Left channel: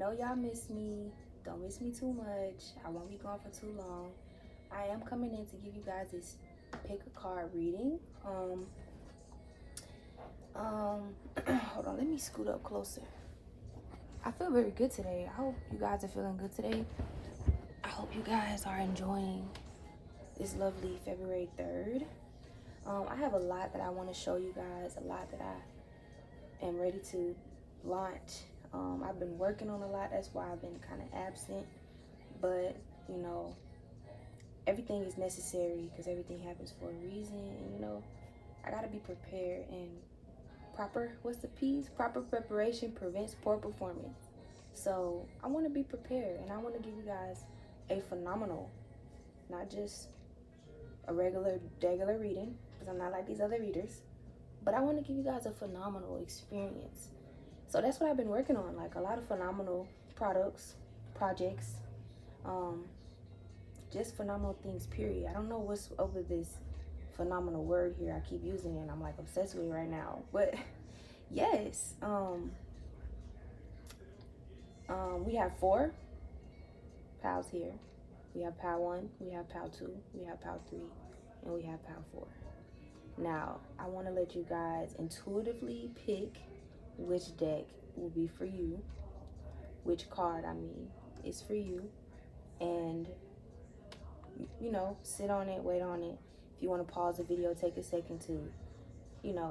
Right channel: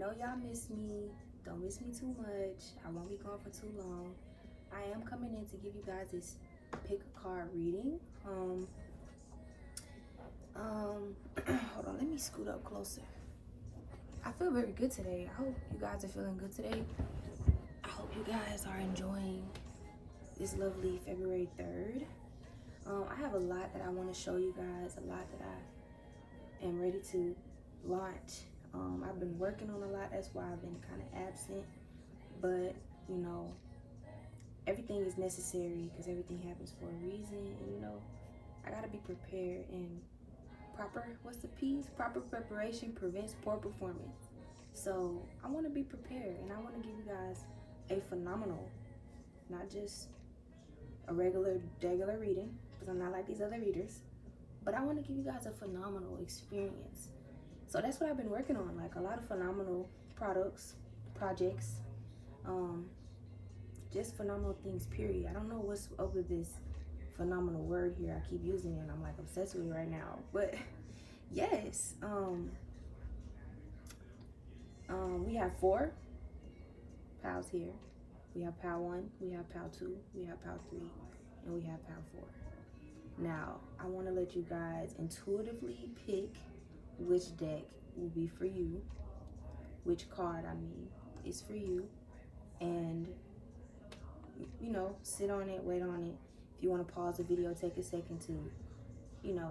know y'all miss me. Don't miss me too much. I won't be gone for too long. I am coming in to give you guys this pick a card reading. Hold on, let me scoot up closer. I feel very good today. I hope you guys are feeling good today. I hope you guys are enjoying this lovely February 3rd. I have a lot that I want to show you guys, a lot that I am ready to launch. I've been working on a lot, that's why I've been kind of absent, but you know, everything is necessary because everything happens for a reason, and you know, I gotta be prepared. And proper preparation prevents poor performance. So I want to be prepared, and I want to give you guys a phenomenal, not just a regular reading, because I'm not like these other readers, but I want to give you guys a phenomenal experience. So that's what I've been working on, like a lot of phenomenal projects, just phenomenal things, period. I don't know what's up with this phenomenal word here. I keep using it and I'm like obsessed with it right now, but yes, we have 4 pals here. We have pal 1, we have pal 2, we have pal 3, and we have pal 4. Now I want to let you guys intuitively pick which deck will be for you, which card is for you, and you know, sit on it, wait on it. If you want to pause the video, take a second to, you know,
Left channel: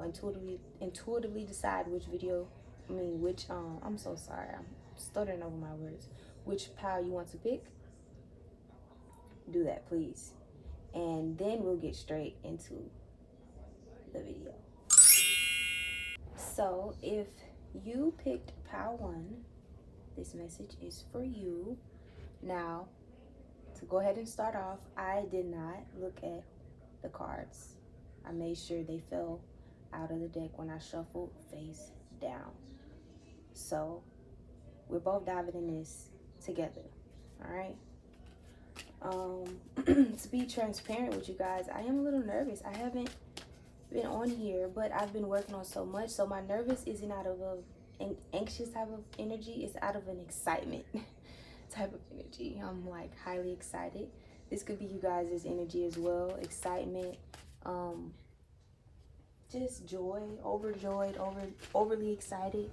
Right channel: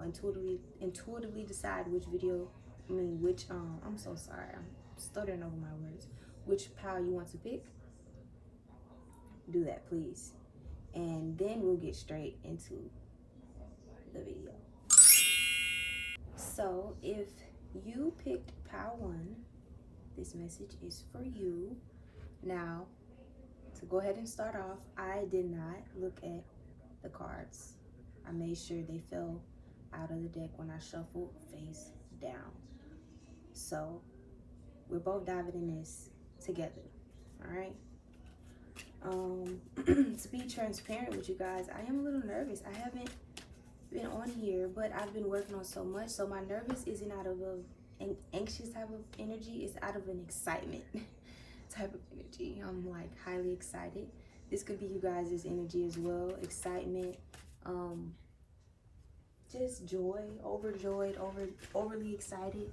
intuitively decide which I'm so sorry, I'm stuttering over my words, which pal you want to pick. Do that, please, and then we'll get straight into the video. So if you picked pal 1, this message is for you. Now, to go ahead and start off, I did not look at the cards. I made sure they fell out of the deck when I shuffled face down. So we're both diving in this together, all right? To be transparent with you guys, I am a little nervous. I haven't been on here, but I've been working on so much, so my nervous isn't out of an anxious type of energy, it's out of an excitement type of energy. I'm like highly excited. This could be you guys' energy as well. Excitement, just joy, overjoyed, overly excited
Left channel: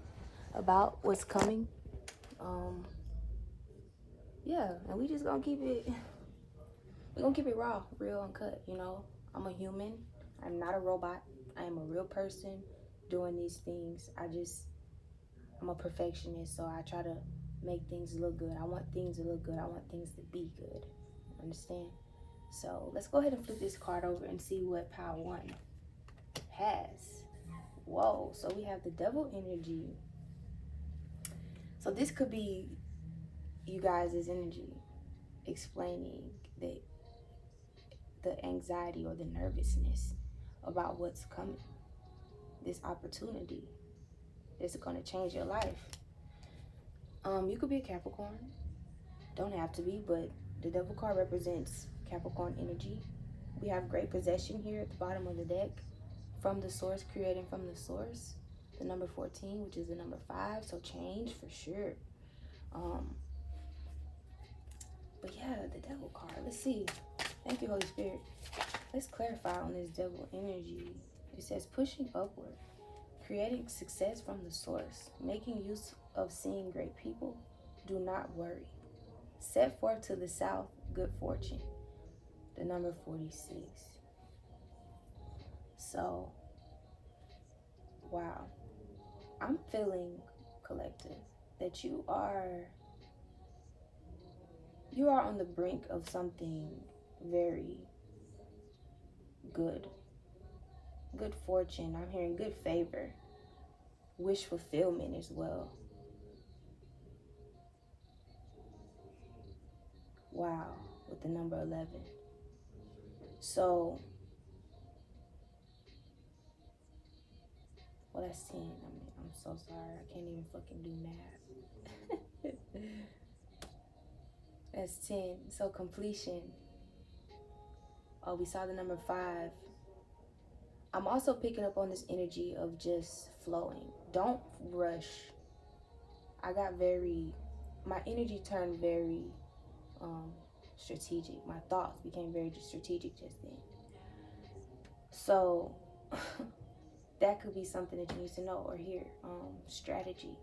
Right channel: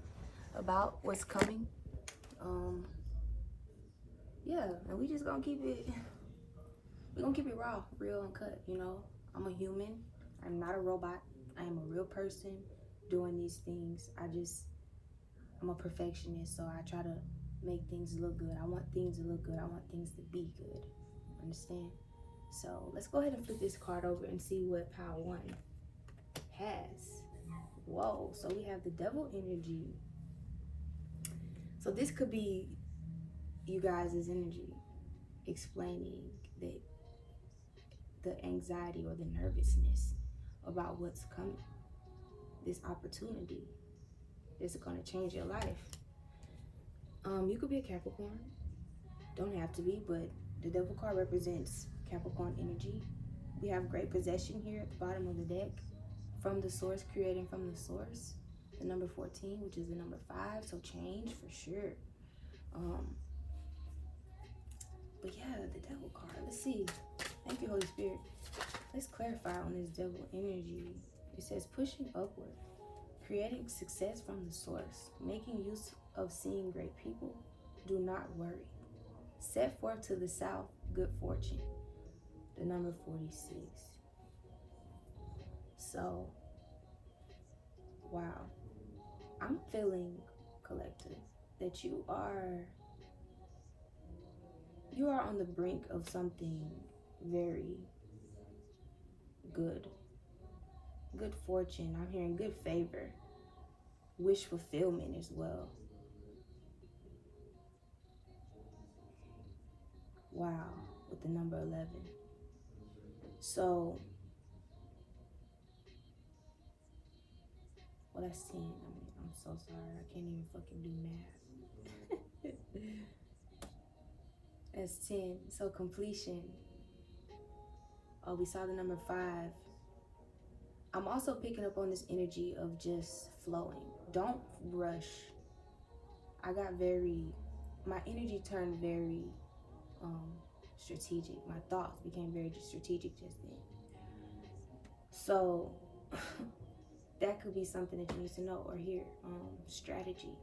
about what's coming. Yeah, and we're gonna keep it raw, real, uncut. You know, I'm a human. I'm not a robot. I am a real person doing these things. I'm a perfectionist, so I try to make things look good. I want things to look good. I want things to be good. Understand? So let's go ahead and flip this card over and see what pile 1 has. Whoa, so we have the devil energy. So this could be you guys' energy explaining the anxiety or the nervousness about what's coming. This opportunity that's going to change your life. You could be a Capricorn. Don't have to be, but the devil card represents Capricorn energy. We have great possession here at the bottom of the deck. From the source, creating from the source. The number 14, which is the number 5, so change for sure. But yeah, the devil card. Let's see. Thank you, Holy Spirit. Let's clarify on this devil energy. It says pushing upward, creating success from the source, making use of seeing great people. Do not worry. Set forth to the south, good fortune. The number 46. So, wow. I'm feeling, collective, that you are on the brink of something very good. Good fortune. I'm hearing good favor. Wish fulfillment as well. Wow, with the number 11. So, well, that's 10. I'm so sorry. I can't even fucking do math. That's 10. So completion. Oh, we saw the number 5. I'm also picking up on this energy of just flowing. Don't rush. I got very my energy turned very strategic. My thoughts became very strategic just then. So that could be something that you need to know or hear. Strategy.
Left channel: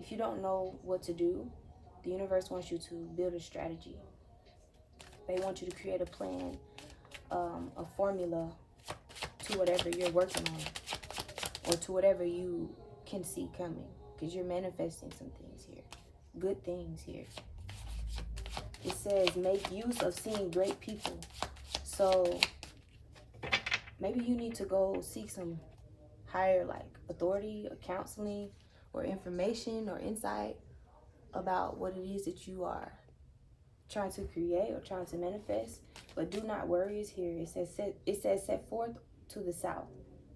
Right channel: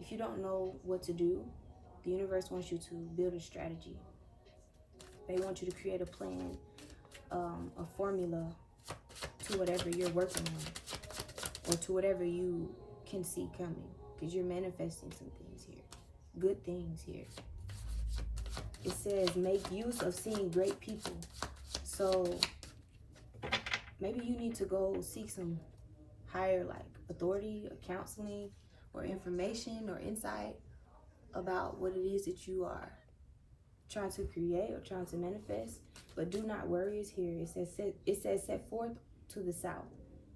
If you don't know what to do, the universe wants you to build a strategy. They want you to create a plan, a formula to whatever you're working on, or to whatever you can see coming, because you're manifesting some things here, good things here. It says make use of seeing great people. So maybe you need to go seek some higher like authority or counseling or information or insight about what it is that you are trying to create or trying to manifest. But do not worry is here. It says set forth to the south,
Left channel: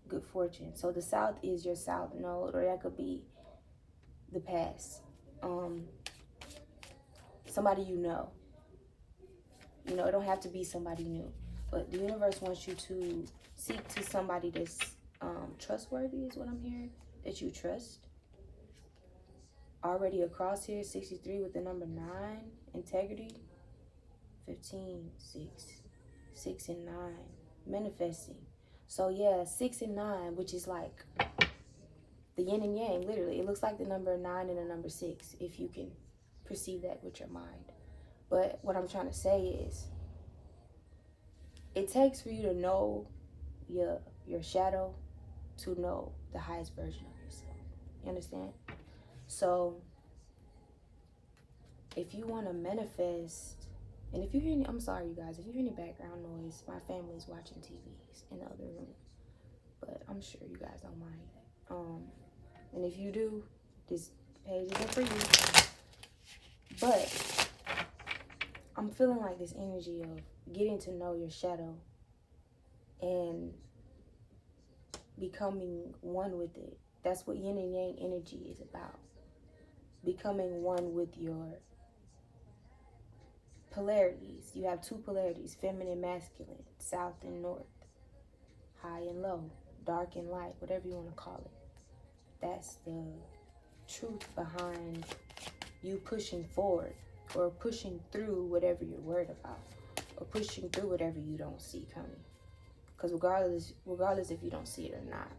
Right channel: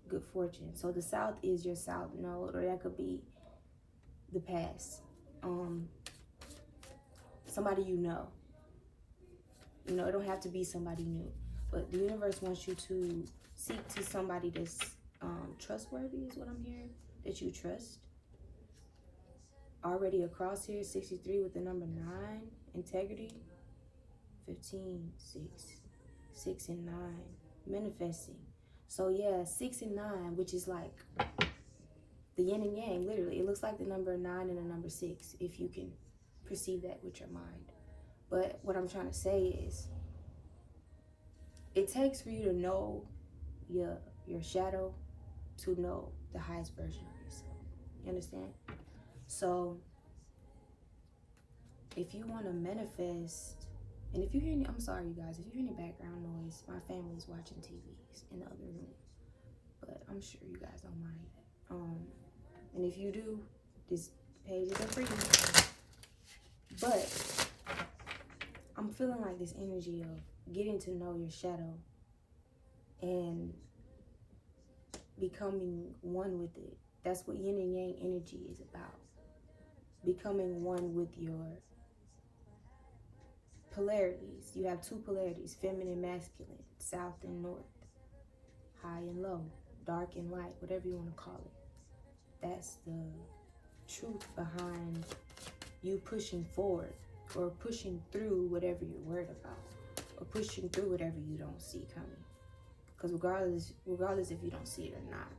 good fortune. So the south is your south node, or that could be the past. Somebody you know. You know, it don't have to be somebody new, but the universe wants you to seek to somebody that's trustworthy is what I'm hearing, that you trust. Already across here, 63 with the number 9, integrity, 15, 6 and 9, manifesting. So yeah, 6 and 9, which is like the yin and yang, literally. It looks like the number 9 and the number 6, if you can perceive that with your mind. But what I'm trying to say is, it takes for you to know your shadow to know the highest version of yourself. You understand? So if you want to manifest, and if you hear any, I'm sorry you guys, if you hear any background noise, my family's watching TVs in the other room, but I'm sure you guys don't mind. And if you do, this page isn't for you. But I'm feeling like this energy of getting to know your shadow and becoming one with it. That's what yin and yang energy is about. Becoming one with your polarities. You have 2 polarities, feminine, masculine, south and north, high and low, dark and light, whatever you want to call it. That's the truth behind you pushing forward or pushing through whatever you're worried about, or pushing through whatever you don't see coming. Because regardless if you don't see it or not,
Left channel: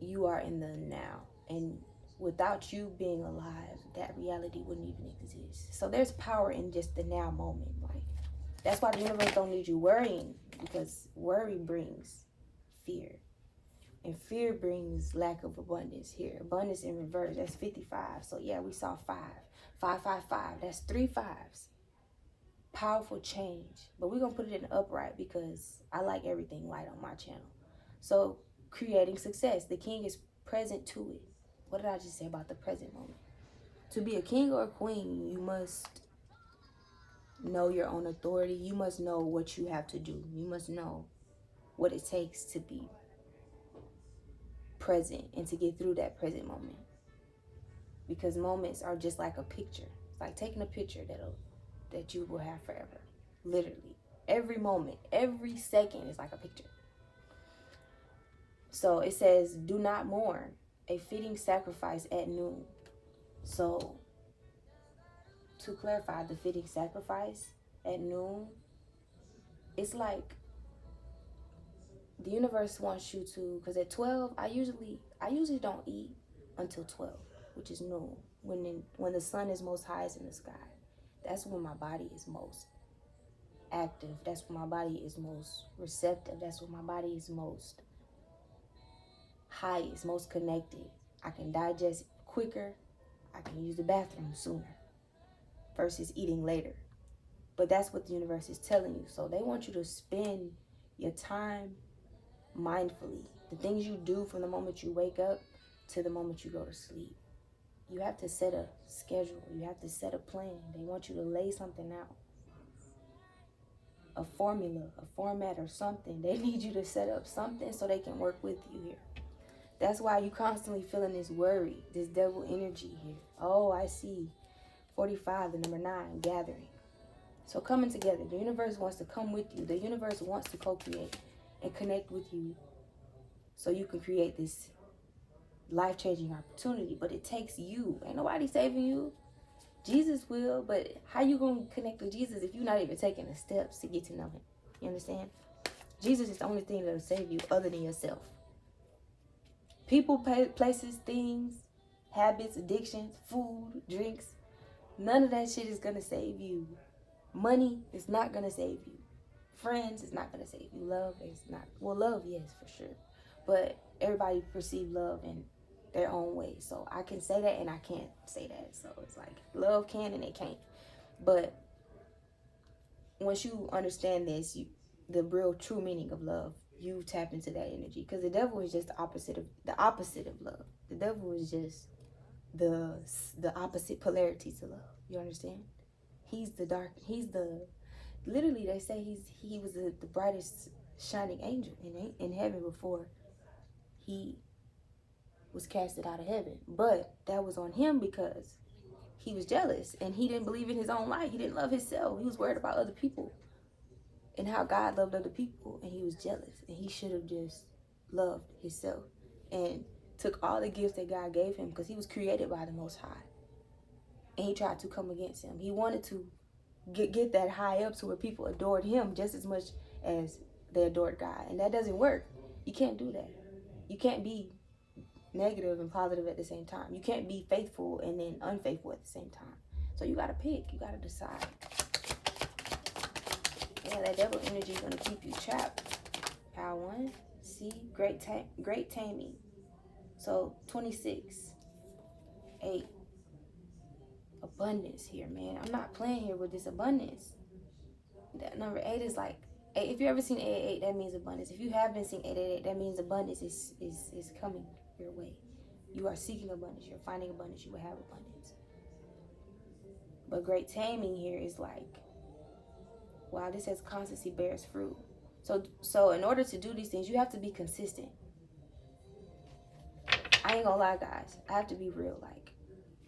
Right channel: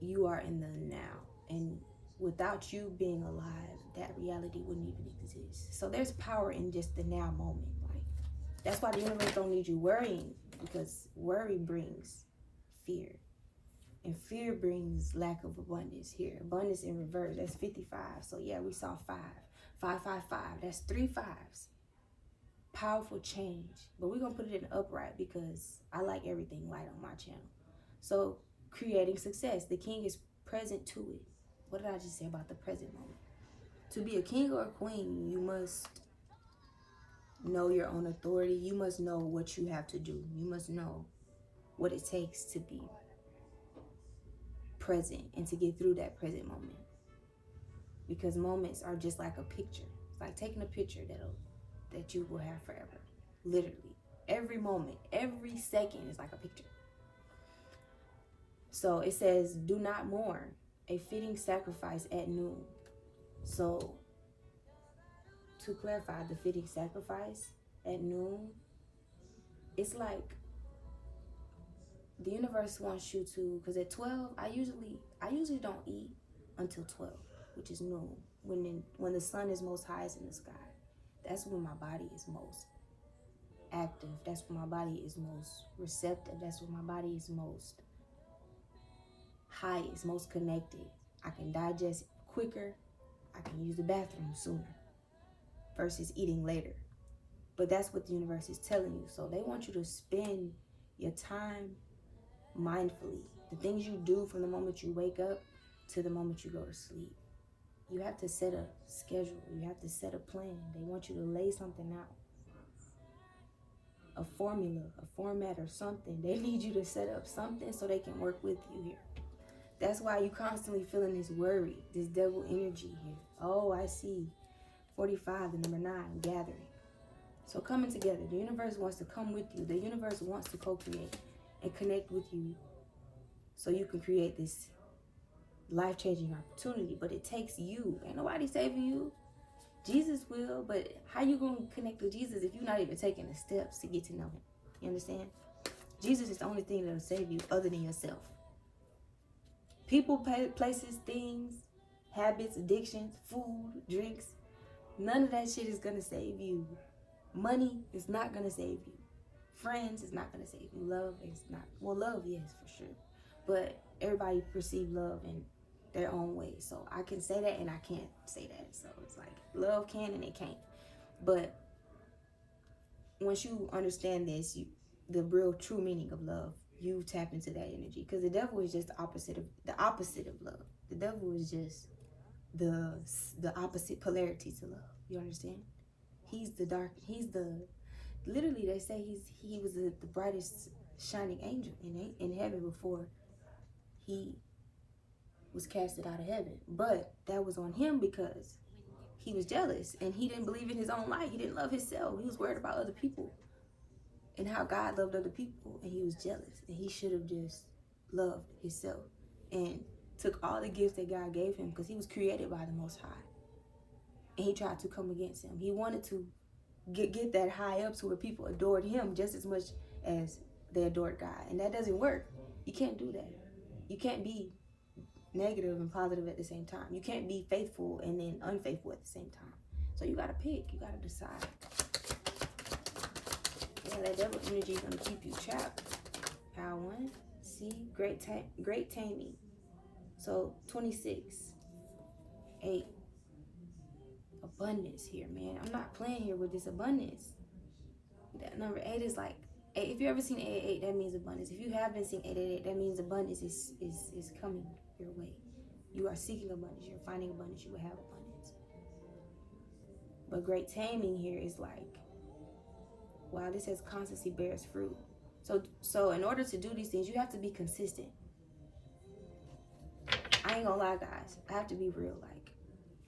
you are in the now. And without you being alive, that reality wouldn't even exist. So there's power in just the now moment. Like, that's why the universe don't need you worrying, because worry brings fear. And fear brings lack of abundance here. Abundance in reverse, that's 55. So yeah, we saw 5. 5, 5, 5. That's 3 5s. Powerful change. But we're going to put it in upright because I like everything light on my channel. So creating success. The king is present to it. What did I just say about the present moment? To be a king or a queen, you must know your own authority. You must know what you have to do. You must know what it takes to be present and to get through that present moment. Because moments are just like a picture. It's like taking a picture that you will have forever. Literally. Every moment, every second is like a picture. So it says, do not mourn, a fitting sacrifice at noon. So to clarify, the fitting sacrifice at noon, it's like the universe wants you to, because at 12, I usually don't eat until 12, which is noon, when the sun is most highest in the sky. That's when my body is most active. That's when my body is most receptive. That's when my body is most highest, most connected. I can digest quicker. I can use the bathroom sooner versus eating later. But that's what the universe is telling you. So they want you to spend your time mindfully. The things you do from the moment you wake up to the moment you go to sleep. You have to set a schedule. You have to set a plan. They want you to lay something out. A formula, a format or something. They need you to set up something so they can work with you here. That's why you constantly feeling this worry, this devil energy here. Oh, I see. 45, the number 9, gathering. So coming together. The universe wants to come with you. The universe wants to co-create and connect with you so you can create this life-changing opportunity. But it takes you. Ain't nobody saving you. Jesus will, but how you gonna connect with Jesus if you're not even taking the steps to get to know him? You understand? Jesus is the only thing that'll save you other than yourself. People, places, things, habits, addictions, food, drinks, none of that shit is gonna save you. Money is not gonna save you. Friends is not gonna save you. Love is not. Well, love, yes, for sure. But everybody perceive love in their own way. So I can say that and I can't say that. So it's like love can and it can't. But once you understand this, the real true meaning of love, you tap into that energy. Because the devil is just the opposite of love. The devil is just the opposite polarity to love. You understand? He's the dark. He's the, literally they say he was the brightest shining angel in heaven before he was casted out of heaven. But that was on him because he was jealous and he didn't believe in his own light. He didn't love himself. He was worried about other people and how God loved other people, and he was jealous, and he should have just loved himself and took all the gifts that God gave him, because he was created by the Most High, and he tried to come against him. He wanted to get that high up to where people adored him just as much as they adored God, and that doesn't work. You can't do that. You can't be negative and positive at the same time. You can't be faithful and then unfaithful at the same time. So you gotta pick. You gotta decide. Yeah, that devil energy is gonna keep you trapped. Power 1. See, great taming. So 26. 8. Abundance here, man. I'm not playing here with this abundance. That number 8 is like 8. If you ever seen 888, that means abundance. If you haven't seen 888, that means abundance is coming your way. You are seeking abundance. You're finding abundance. You will have abundance. But great taming here is like, wow, this says constancy bears fruit. So in order to do these things, you have to be consistent. I ain't gonna lie, guys. I have to be real. Like,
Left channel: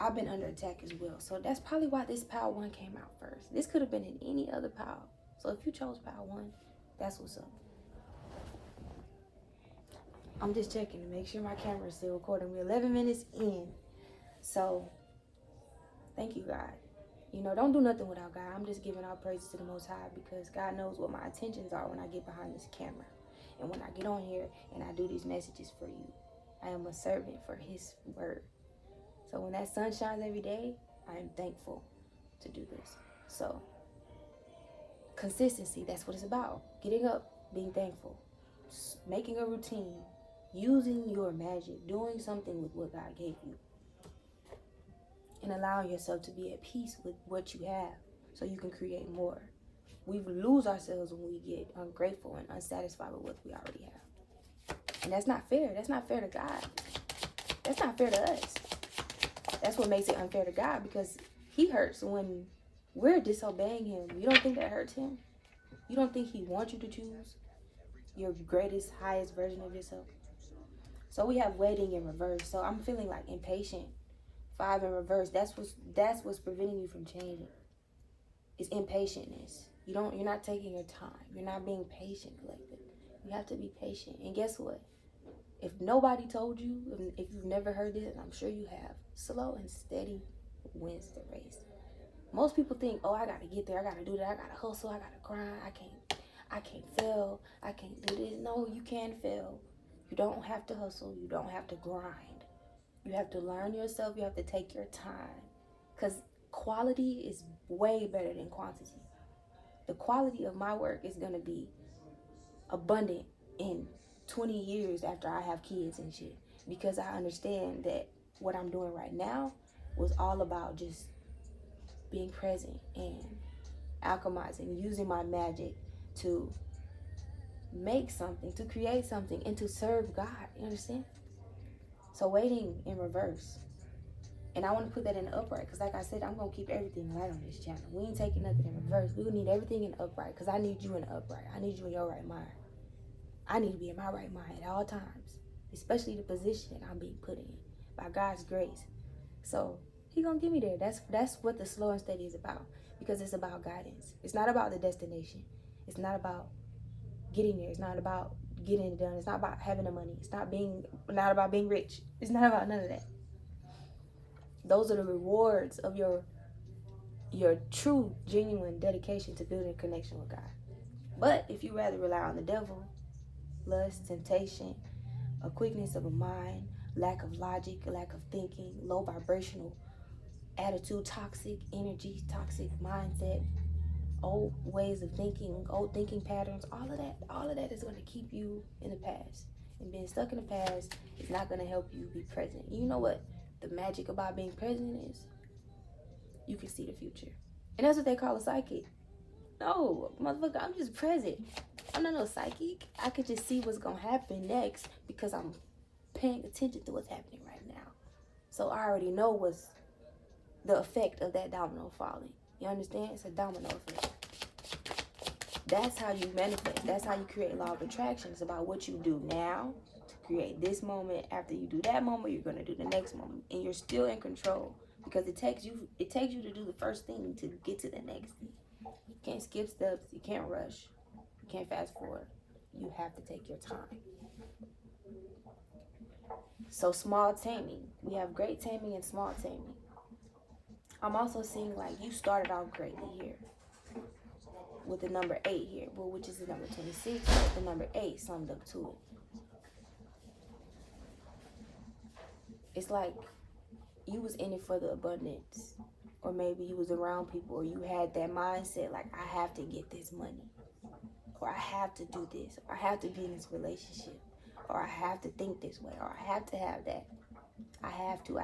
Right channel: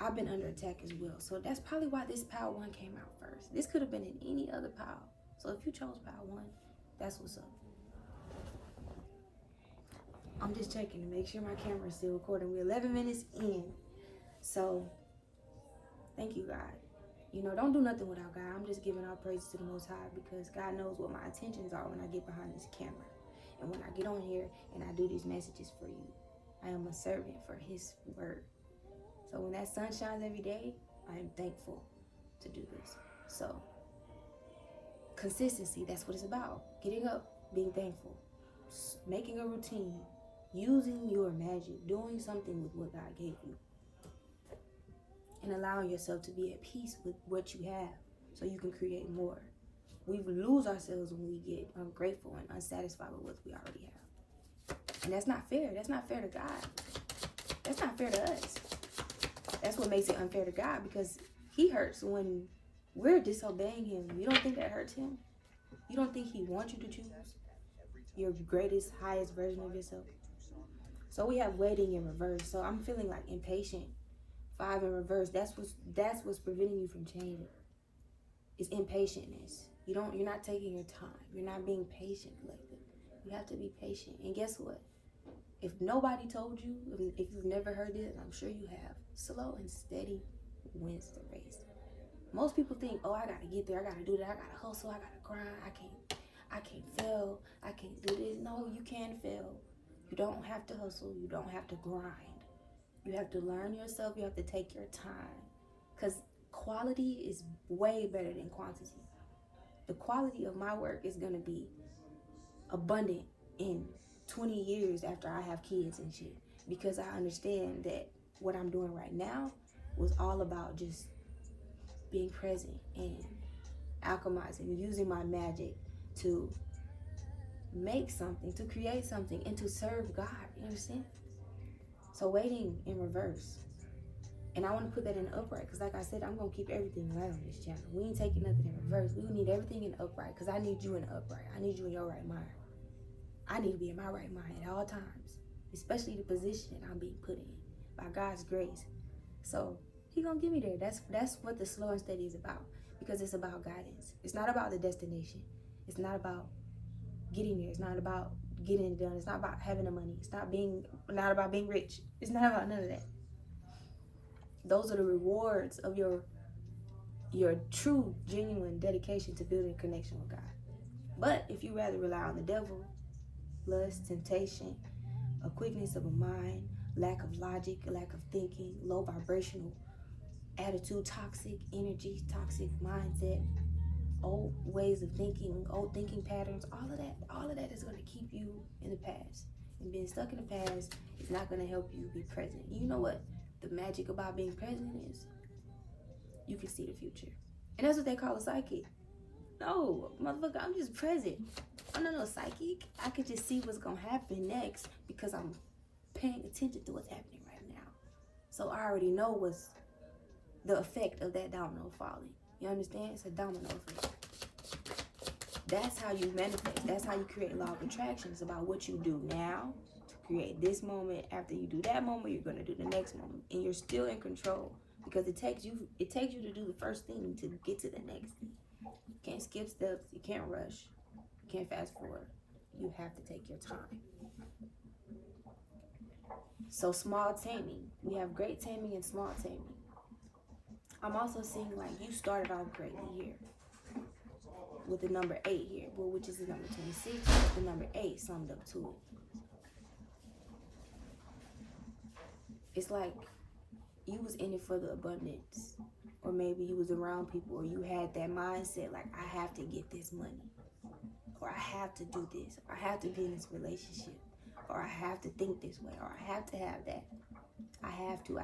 I've been under attack as well. So that's probably why this Power 1 came out first. This could have been in any other Power. So if you chose Power 1, that's what's up. I'm just checking to make sure my camera is still recording. We're 11 minutes in. So, thank you, God. You know, don't do nothing without God. I'm just giving all praises to the Most High, because God knows what my intentions are when I get behind this camera. And when I get on here and I do these messages for you, I am a servant for his word. So when that sun shines every day, I am thankful to do this. So, consistency, that's what it's about. Getting up, being thankful, making a routine, using your magic, doing something with what God gave you, and allowing yourself to be at peace with what you have so you can create more. We lose ourselves when we get ungrateful and unsatisfied with what we already have. And that's not fair. That's not fair to God. That's not fair to us. That's what makes it unfair to God, because he hurts when we're disobeying him. You don't think that hurts him? You don't think he wants you to choose your greatest, highest version of yourself? So we have waiting in reverse. So I'm feeling like impatient. 5 in reverse. That's what's preventing you from changing. It's impatientness. You're not taking your time. You're not being patient, collective. You have to be patient. And guess what? If nobody told you, if you've never heard this, and I'm sure you have, slow and steady wins the race. Most people think, oh, I gotta get there, I gotta do that, I gotta hustle, I gotta grind, I can't fail, I can't do this. No, you can fail. You don't have to hustle, you don't have to grind. You have to learn yourself, you have to take your time. Because quality is way better than quantity. The quality of my work is gonna be abundant in 20 years after I have kids and shit, because I understand that what I'm doing right now was all about just being present and alchemizing, using my magic to make something, to create something, and to serve God. You understand? So waiting in reverse. And I want to put that in the upright, because like I said, I'm going to keep everything right on this channel. We ain't taking nothing in reverse. We need everything in upright, because I need you in the upright. I need you in your right mind. I need to be in my right mind at all times, especially the position I'm being put in by God's grace. So he gonna get me there. That's what the slow and steady is about, because it's about guidance. It's not about the destination. It's not about getting there. It's not about getting it done. It's not about having the money. It's not about being rich. It's not about none of that. Those are the rewards of your your true, genuine dedication to building a connection with God. But if you rather rely on the devil, lust, temptation, a quickness of a mind, lack of logic, lack of thinking, low vibrational attitude, toxic energy, toxic mindset, old ways of thinking, old thinking patterns, all of that is going to keep you in the past. And being stuck in the past is not going to help you be present. You know what the magic about being present is? You can see the future. And that's what they call a psychic. No, motherfucker, I'm just present. I'm not no psychic. I could just see what's going to happen next because I'm paying attention to what's happening right now. So I already know what's the effect of that domino falling. You understand? It's a domino effect. That's how you manifest. That's how you create law of attraction. It's about what you do now to create this moment. After you do that moment, you're going to do the next moment. And you're still in control because it takes you to do the first thing to get to the next thing. You can't skip steps. You can't rush. You can't fast forward. You have to take your time. So small taming. We have great taming and small taming. I'm also seeing like you started off greatly here with the number 8 here, well, which is the number 26, but the number 8 summed up to it. It's like you was in it for the abundance, or maybe you was around people, or you had that mindset like, I have to get this money, or I have to do this, or I have to be in this relationship, or I have to think this way, or I have to have that. I have to.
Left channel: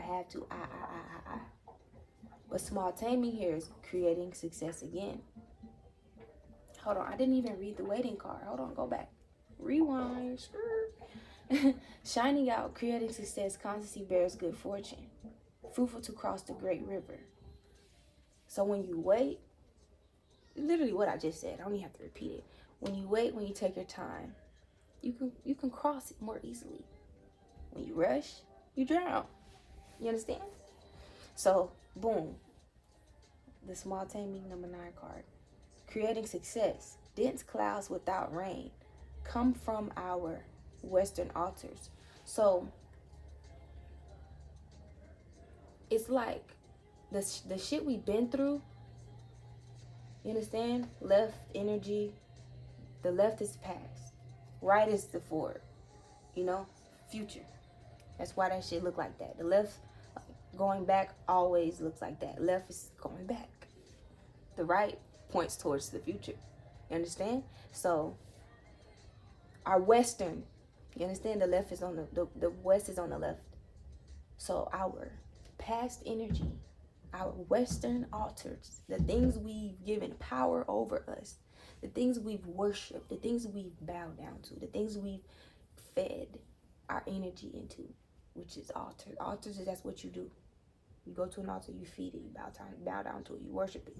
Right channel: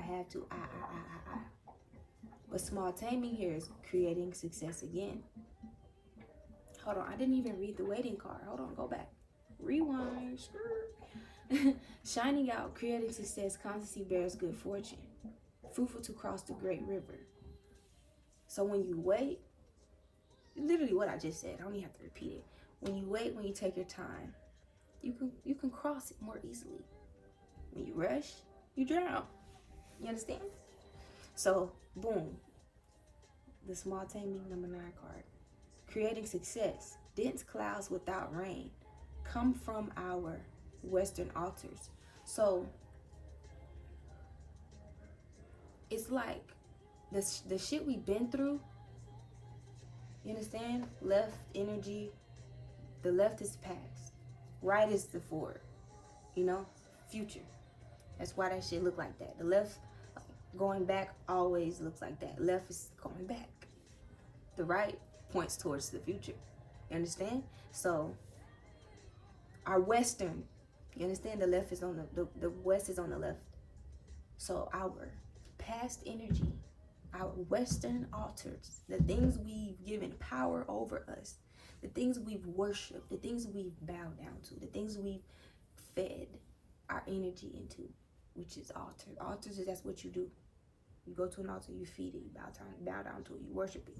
But small taming here is creating success again. Hold on, I didn't even read the waiting card. Hold on, go back. Rewind. Shining out, creating success, constancy bears good fortune. Fruitful to cross the great river. So when you wait, literally what I just said, I don't even have to repeat it. When you wait, when you take your time, you can cross it more easily. When you rush, you drown. You understand? So, boom. The small taming number 9 card. Creating success. Dense clouds without rain come from our Western altars. So, it's like the shit we've been through. You understand? Left energy. The left is past. Right is the forward. You know? Future. That's why that shit look like that. The left going back always looks like that. Left is going back. The right points towards the future. You understand? So our Western, you understand? The left is on the West is on the left. So our past energy, our Western altars, the things we've given power over us, the things we've worshipped, the things we've bowed down to, the things we've fed our energy into, which is altars. Altars is that's what you do. You go to an altar, you feed it, you bow down to it, you worship it.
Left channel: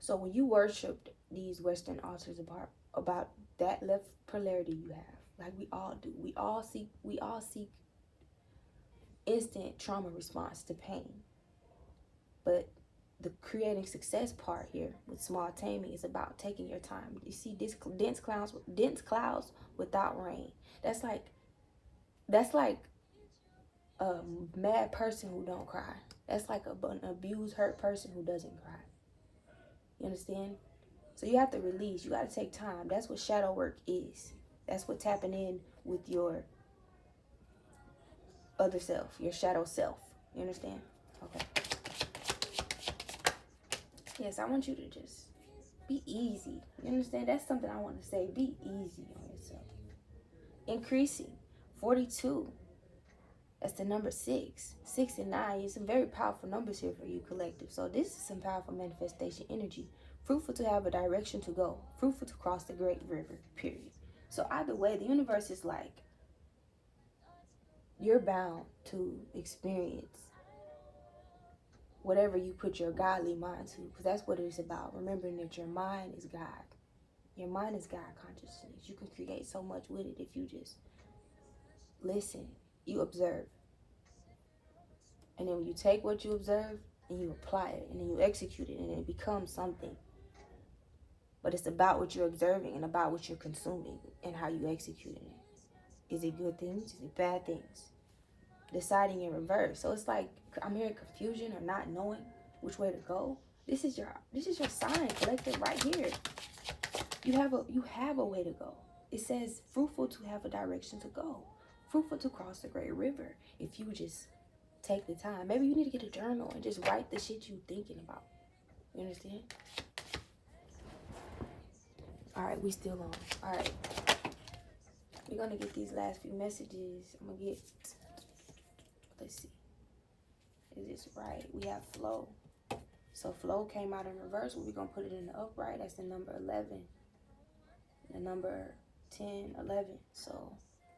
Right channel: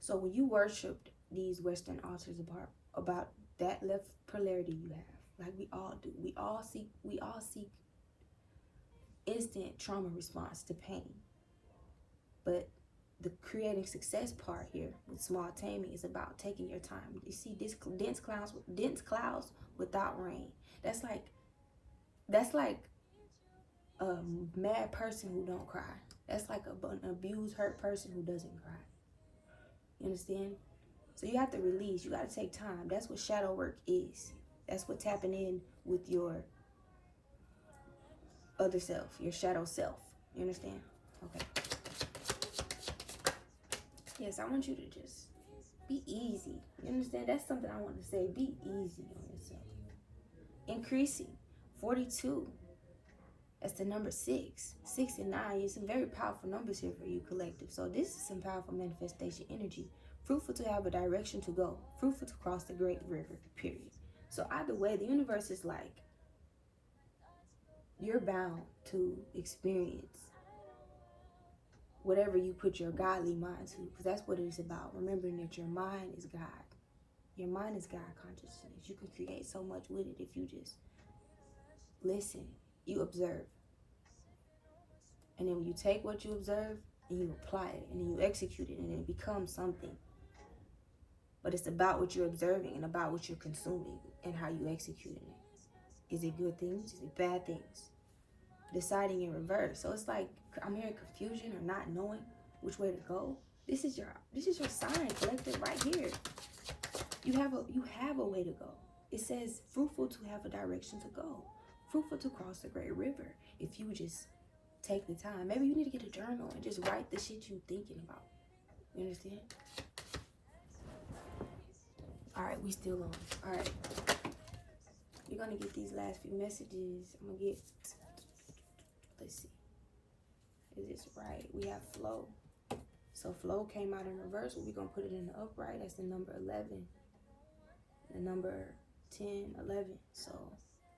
So when you worship these Western altars about that left polarity you have, like we all do, we all seek instant trauma response to pain. But the creating success part here with small taming is about taking your time. You see this dense clouds without rain. That's like a mad person who don't cry. That's like an abused, hurt person who doesn't cry. You understand? So you have to release. You got to take time. That's what shadow work is. That's what tapping in with your other self, your shadow self. You understand? Okay. Yes, I want you to just be easy. You understand? That's something I want to say. Be easy on yourself. Increasing. 42. That's the number 6. 6 and 9 is some very powerful numbers here for you, collective. So this is some powerful manifestation energy. Fruitful to have a direction to go. Fruitful to cross the great river, period. So either way, the universe is like, you're bound to experience whatever you put your godly mind to. Because that's what it's about. Remembering that your mind is God. Your mind is God consciousness. You can create so much with it if you just listen. You observe. And then you take what you observe and you apply it. And then you execute it. And it becomes something. But it's about what you're observing and about what you're consuming and how you execute it. Is it good things? Is it bad things? Deciding in reverse. So it's like I'm hearing confusion or not knowing. which way to go. This is your sign collective right here. You have a way to go. It says fruitful to have a direction to go. Fruitful to cross the great river. If you just take the time. Maybe you need to get a journal and just write the shit you thinking about. You understand? Alright, we still on. Alright. We're gonna get these last few messages. I'm gonna get, let's see. Is this right? We have flow. So flow came out in reverse. We're gonna put it in the upright. That's the number 11. The number 10, 11. So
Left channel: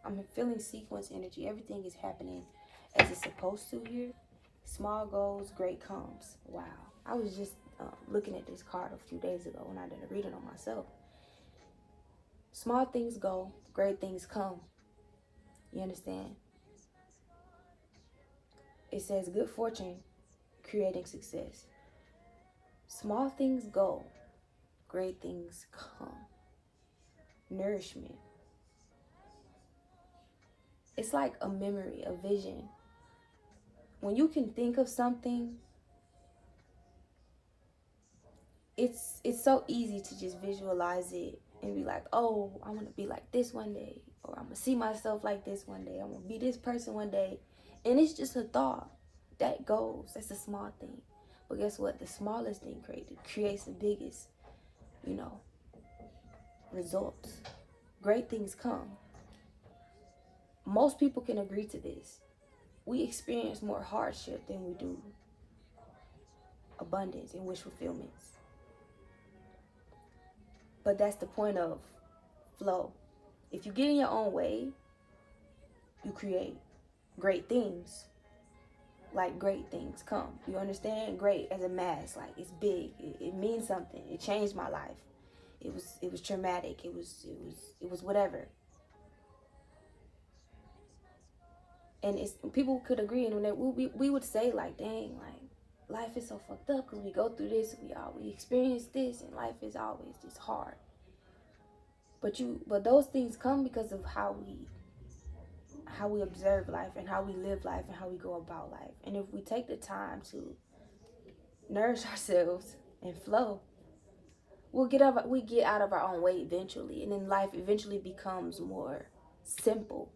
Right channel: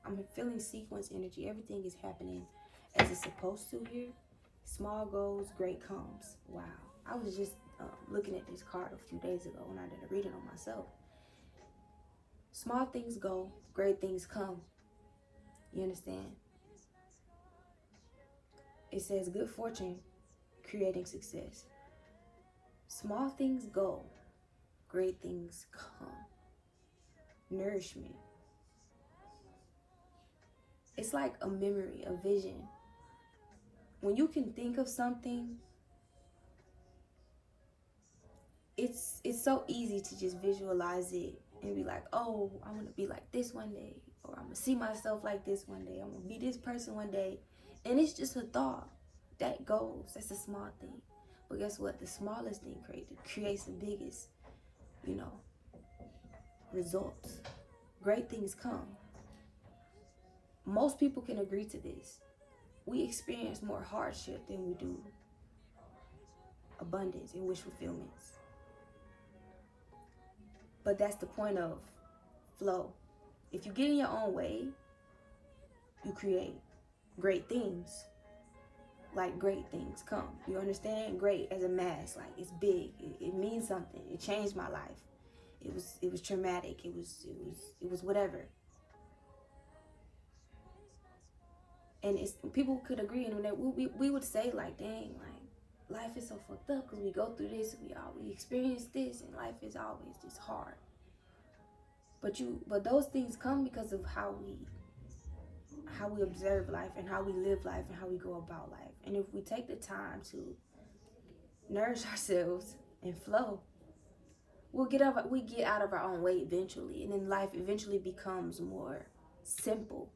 I'm feeling sequence energy. Everything is happening as it's supposed to here. Small goals, great comes. Wow. I was just looking at this card a few days ago when I did a reading on myself. Small things go, great things come. You understand? It says good fortune, creating success. Small things go, great things come. Nourishment. It's like a memory, a vision. When you can think of something, it's so easy to just visualize it and be like, oh, I'm gonna be like this one day, or I'm gonna see myself like this one day, I'm gonna be this person one day. And it's just a thought that goes. That's a small thing. But guess what? The smallest thing creates the biggest, results. Great things come. Most people can agree to this. We experience more hardship than we do abundance and wish fulfillments. But that's the point of flow. If you get in your own way, you create great things. Like great things come. You understand? Great as a mass. Like it's big. It means something. It changed my life. It was traumatic. It was whatever. And it's people could agree, and we would say like, dang, like life is so fucked up because we go through this, we experience this, and life is always just hard. But those things come because of how we observe life and how we live life and how we go about life. And if we take the time to nourish ourselves and flow, we get out of our own way eventually, and then life eventually becomes more simple,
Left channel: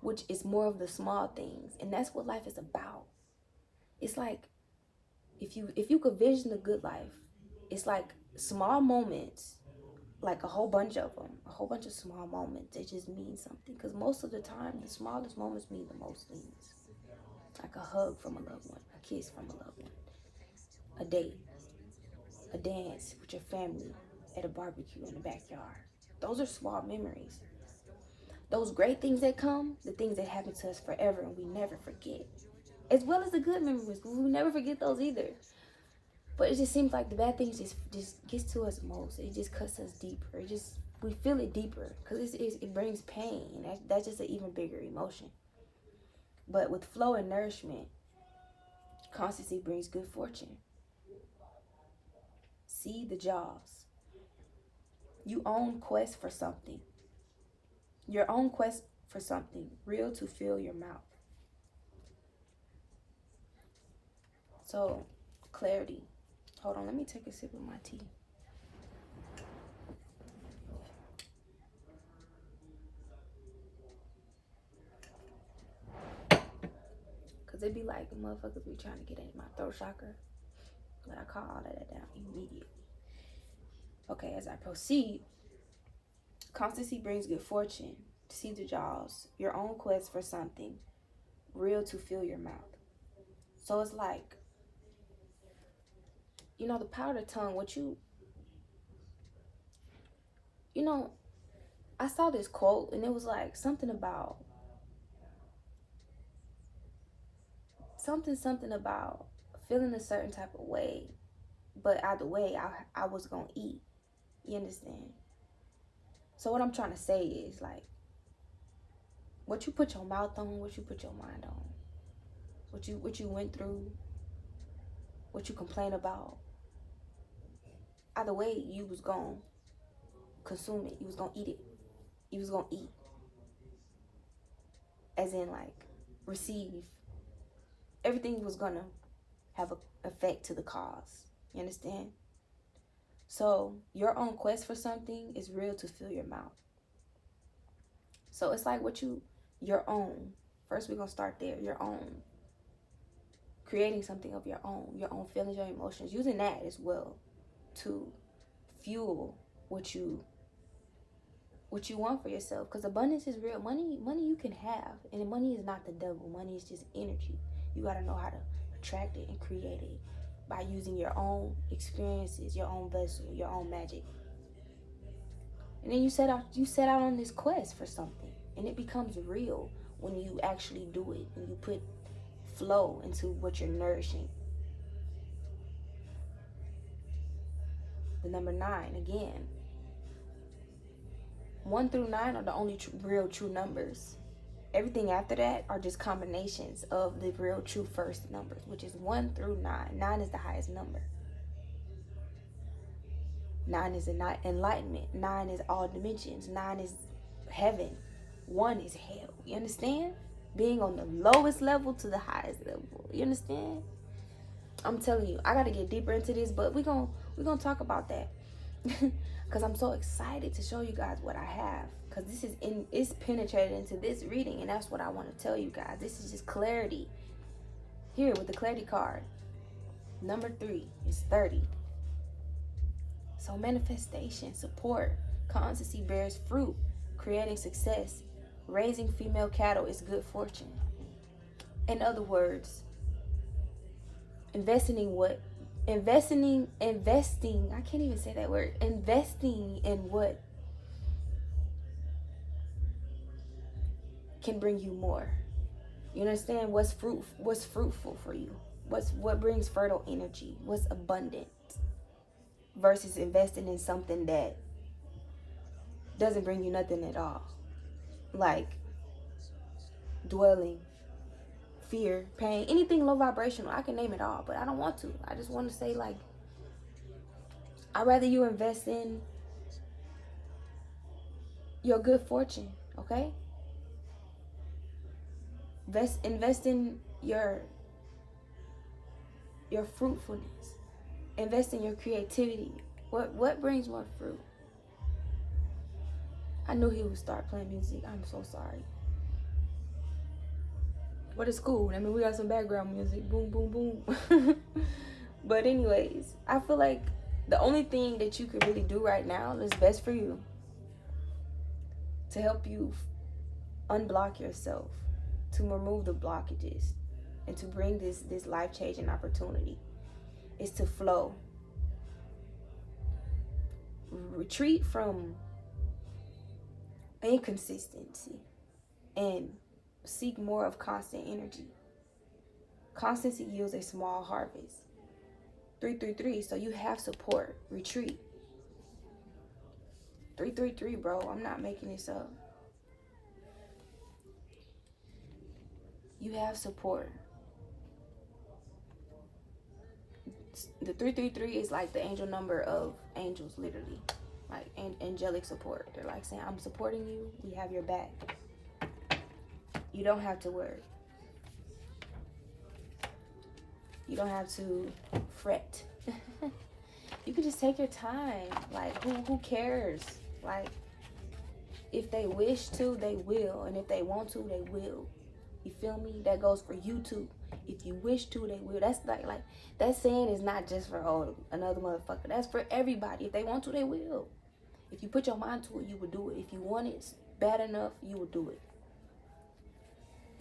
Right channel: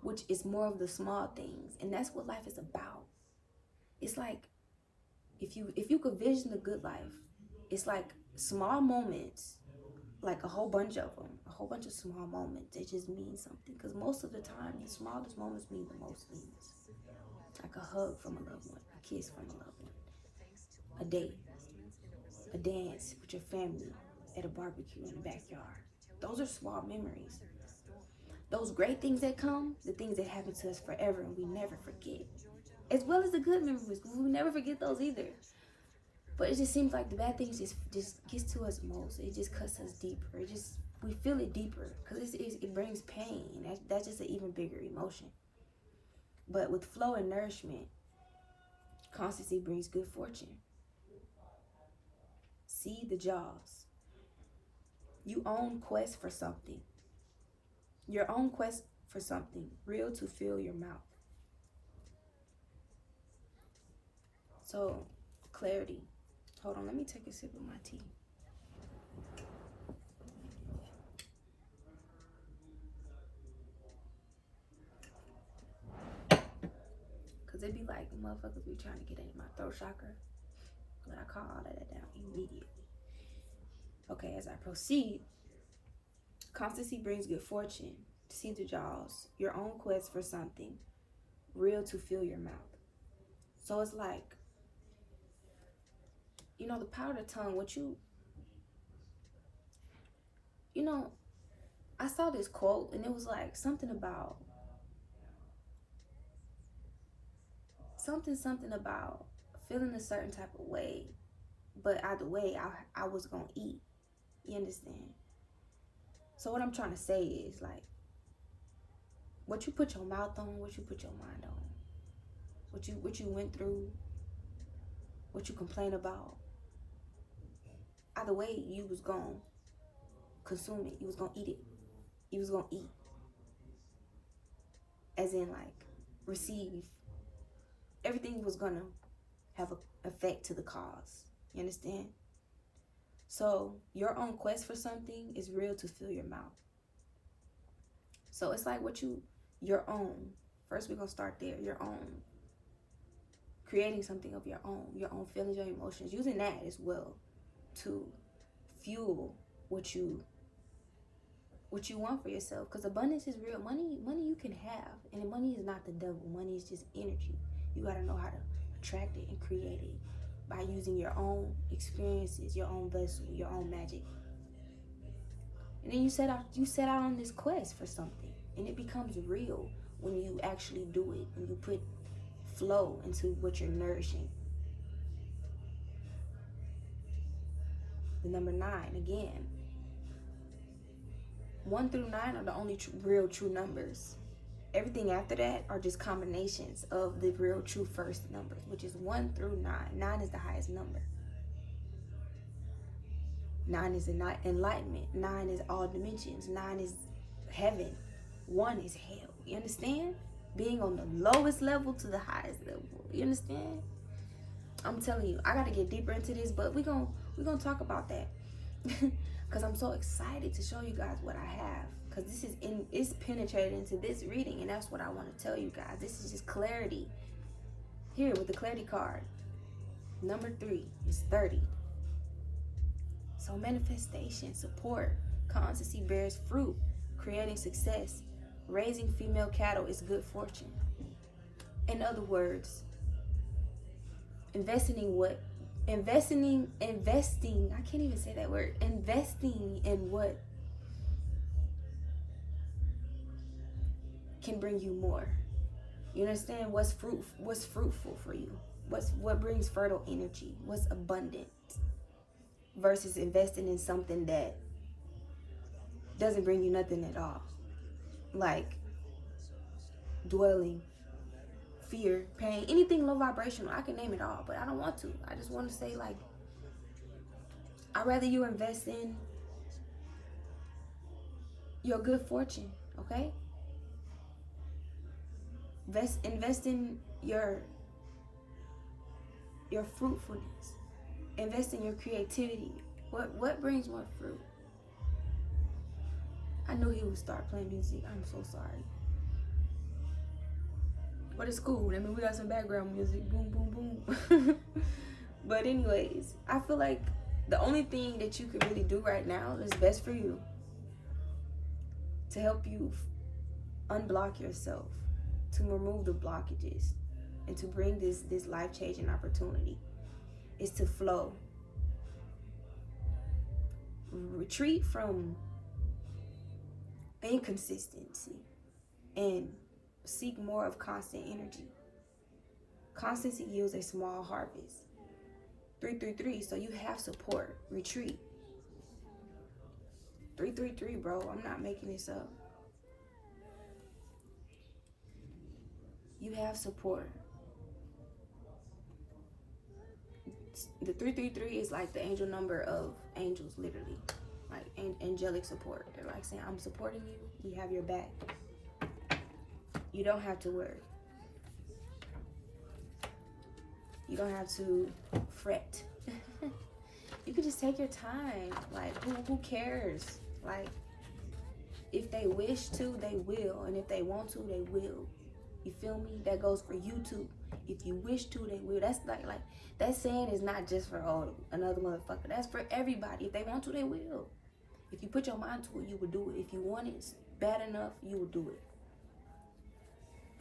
which is more of the small things. And that's what life is about. It's like if you could vision the good life, it's like small moments, like a whole bunch of them, a whole bunch of small moments. They just mean something, because most of the time the smallest moments mean the most things. Like a hug from a loved one, a kiss from a loved one, a date, a dance with your family at a barbecue in the backyard. Those are small memories. Those great things that come, the things that happen to us forever and we never forget. As well as the good memories, we never forget those either. But it just seems like the bad things just gets to us most. It just cuts us deeper. We feel it deeper because it brings pain. That's just an even bigger emotion. But with flow and nourishment, constancy brings good fortune. See the jaws. You own quest for something. Your own quest for something real to fill your mouth. So, clarity. Hold on, let me take a sip of my tea. Because it be like the motherfuckers be trying to get in my throat chakra. But I call all of that down immediately. Okay, as I proceed, constancy brings good fortune. See the jaws. Your own quest for something real to fill your mouth. So it's like, the power of the tongue, I saw this quote and it was like something about feeling a certain type of way, but either way I was gonna eat. You understand? So what I'm trying to say is, like, what you put your mouth on, what you put your mind on, what you went through, what you complain about, either way you was gonna consume it. You was gonna eat it. You was gonna eat, as in like receive. Everything was gonna have an effect to the cause. You understand? So your own quest for something is real to fill your mouth. So it's like your own. First, we're going to start there. Your own. Creating something of your own feelings, your emotions. Using that as well to fuel what you want for yourself. Because abundance is real. Money you can have. And money is not the devil. Money is just energy. You got to know how to attract it and create it by using your own experiences, your own vessel, your own magic. And then you set out on this quest for something. And it becomes real when you actually do it. When you put flow into what you're nourishing. The number 9, again. 1 through 9 are the only real true numbers. Everything after that are just combinations of the real true first numbers, which is 1 through 9. 9 is the highest number. 9 is enlightenment. 9 is all dimensions. 9 is heaven. 1 is hell. You understand? Being on the lowest level to the highest level. You understand? I'm telling you, I got to get deeper into this, but we're gonna talk about that. Because I'm so excited to show you guys what I have. Because it's penetrated into this reading, and that's what I want to tell you guys. This is just clarity. Here with the clarity card. Number 3 is 30. So manifestation, support, constancy bears fruit, creating success, raising female cattle is good fortune. In other words, investing, I can't even say that word. Investing in what can bring you more. You understand? What's fruitful for you? What brings fertile energy? What's abundant? Versus investing in something that doesn't bring you nothing at all. Like dwelling, fear, pain, anything low vibrational. I can name it all, but I don't want to. I just want to say, like, I'd rather you invest in your good fortune, okay? Invest in your fruitfulness. Invest in your creativity. What brings more fruit? I knew he would start playing music. I'm so sorry. But it's cool. I mean, we got some background music. Boom, boom, boom. But anyways, I feel like the only thing that you can really do right now that's best for you to help you unblock yourself, to remove the blockages, and to bring this life-changing opportunity is to flow. Retreat from inconsistency and seek more of constant energy. Constancy yields a small harvest. 333, so you have support. Retreat. 333, bro. I'm not making this up. You have support. The 333 is like the angel number of angels, literally. Like angelic support. They're like saying, I'm supporting you. We have your back. You don't have to worry. You don't have to fret. You can just take your time. Like, who cares? Like, if they wish to, they will. And if they want to, they will. You feel me? That goes for you too. If you wish to, they will. That's like that saying is not just for another motherfucker. That's for everybody. If they want to, they will. If you put your mind to it, you will do it. If you want it bad enough, you will do it.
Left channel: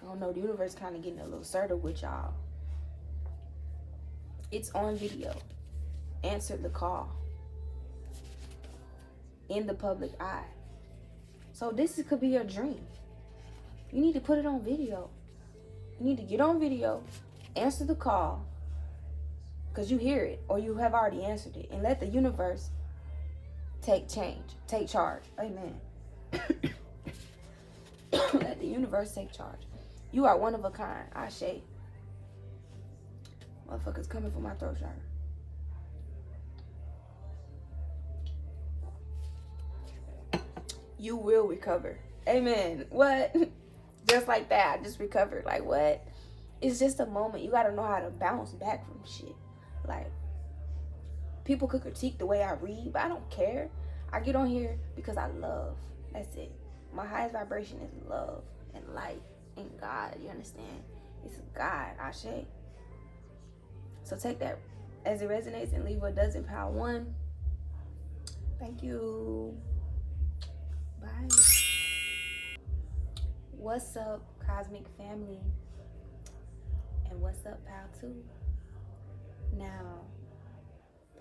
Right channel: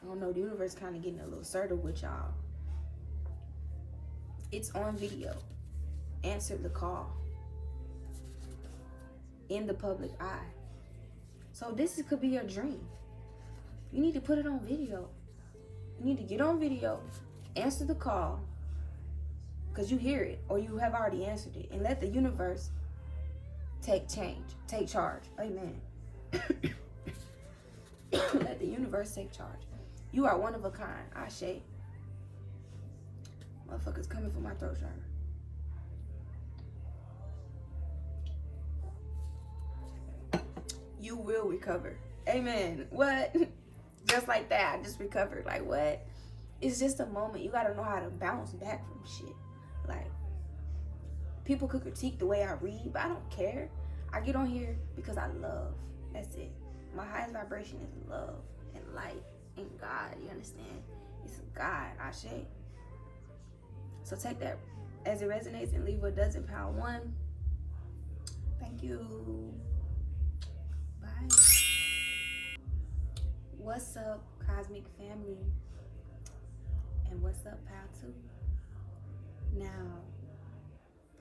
I don't know, the universe kind of getting a little assertive with y'all. It's on video. Answer the call. In the public eye. So this could be your dream. You need to put it on video. You need to get on video, answer the call, because you hear it or you have already answered it, and let the universe take charge. Amen. Let the universe take charge. You are one of a kind. Ashe. Motherfuckers coming for my throat chakra. You will recover. Amen. What? Just like that. I just recovered. Like, what? it's just a moment. You gotta know how to bounce back from shit. Like, people could critique the way I read, but I don't care. I get on here because I love. That's it. My highest vibration is love and light and God. You understand? It's God, Ashe. So take that as it resonates and leave what doesn't. Power 1. Thank you. Bye. What's up, Cosmic Family? And what's up, Power 2? Now,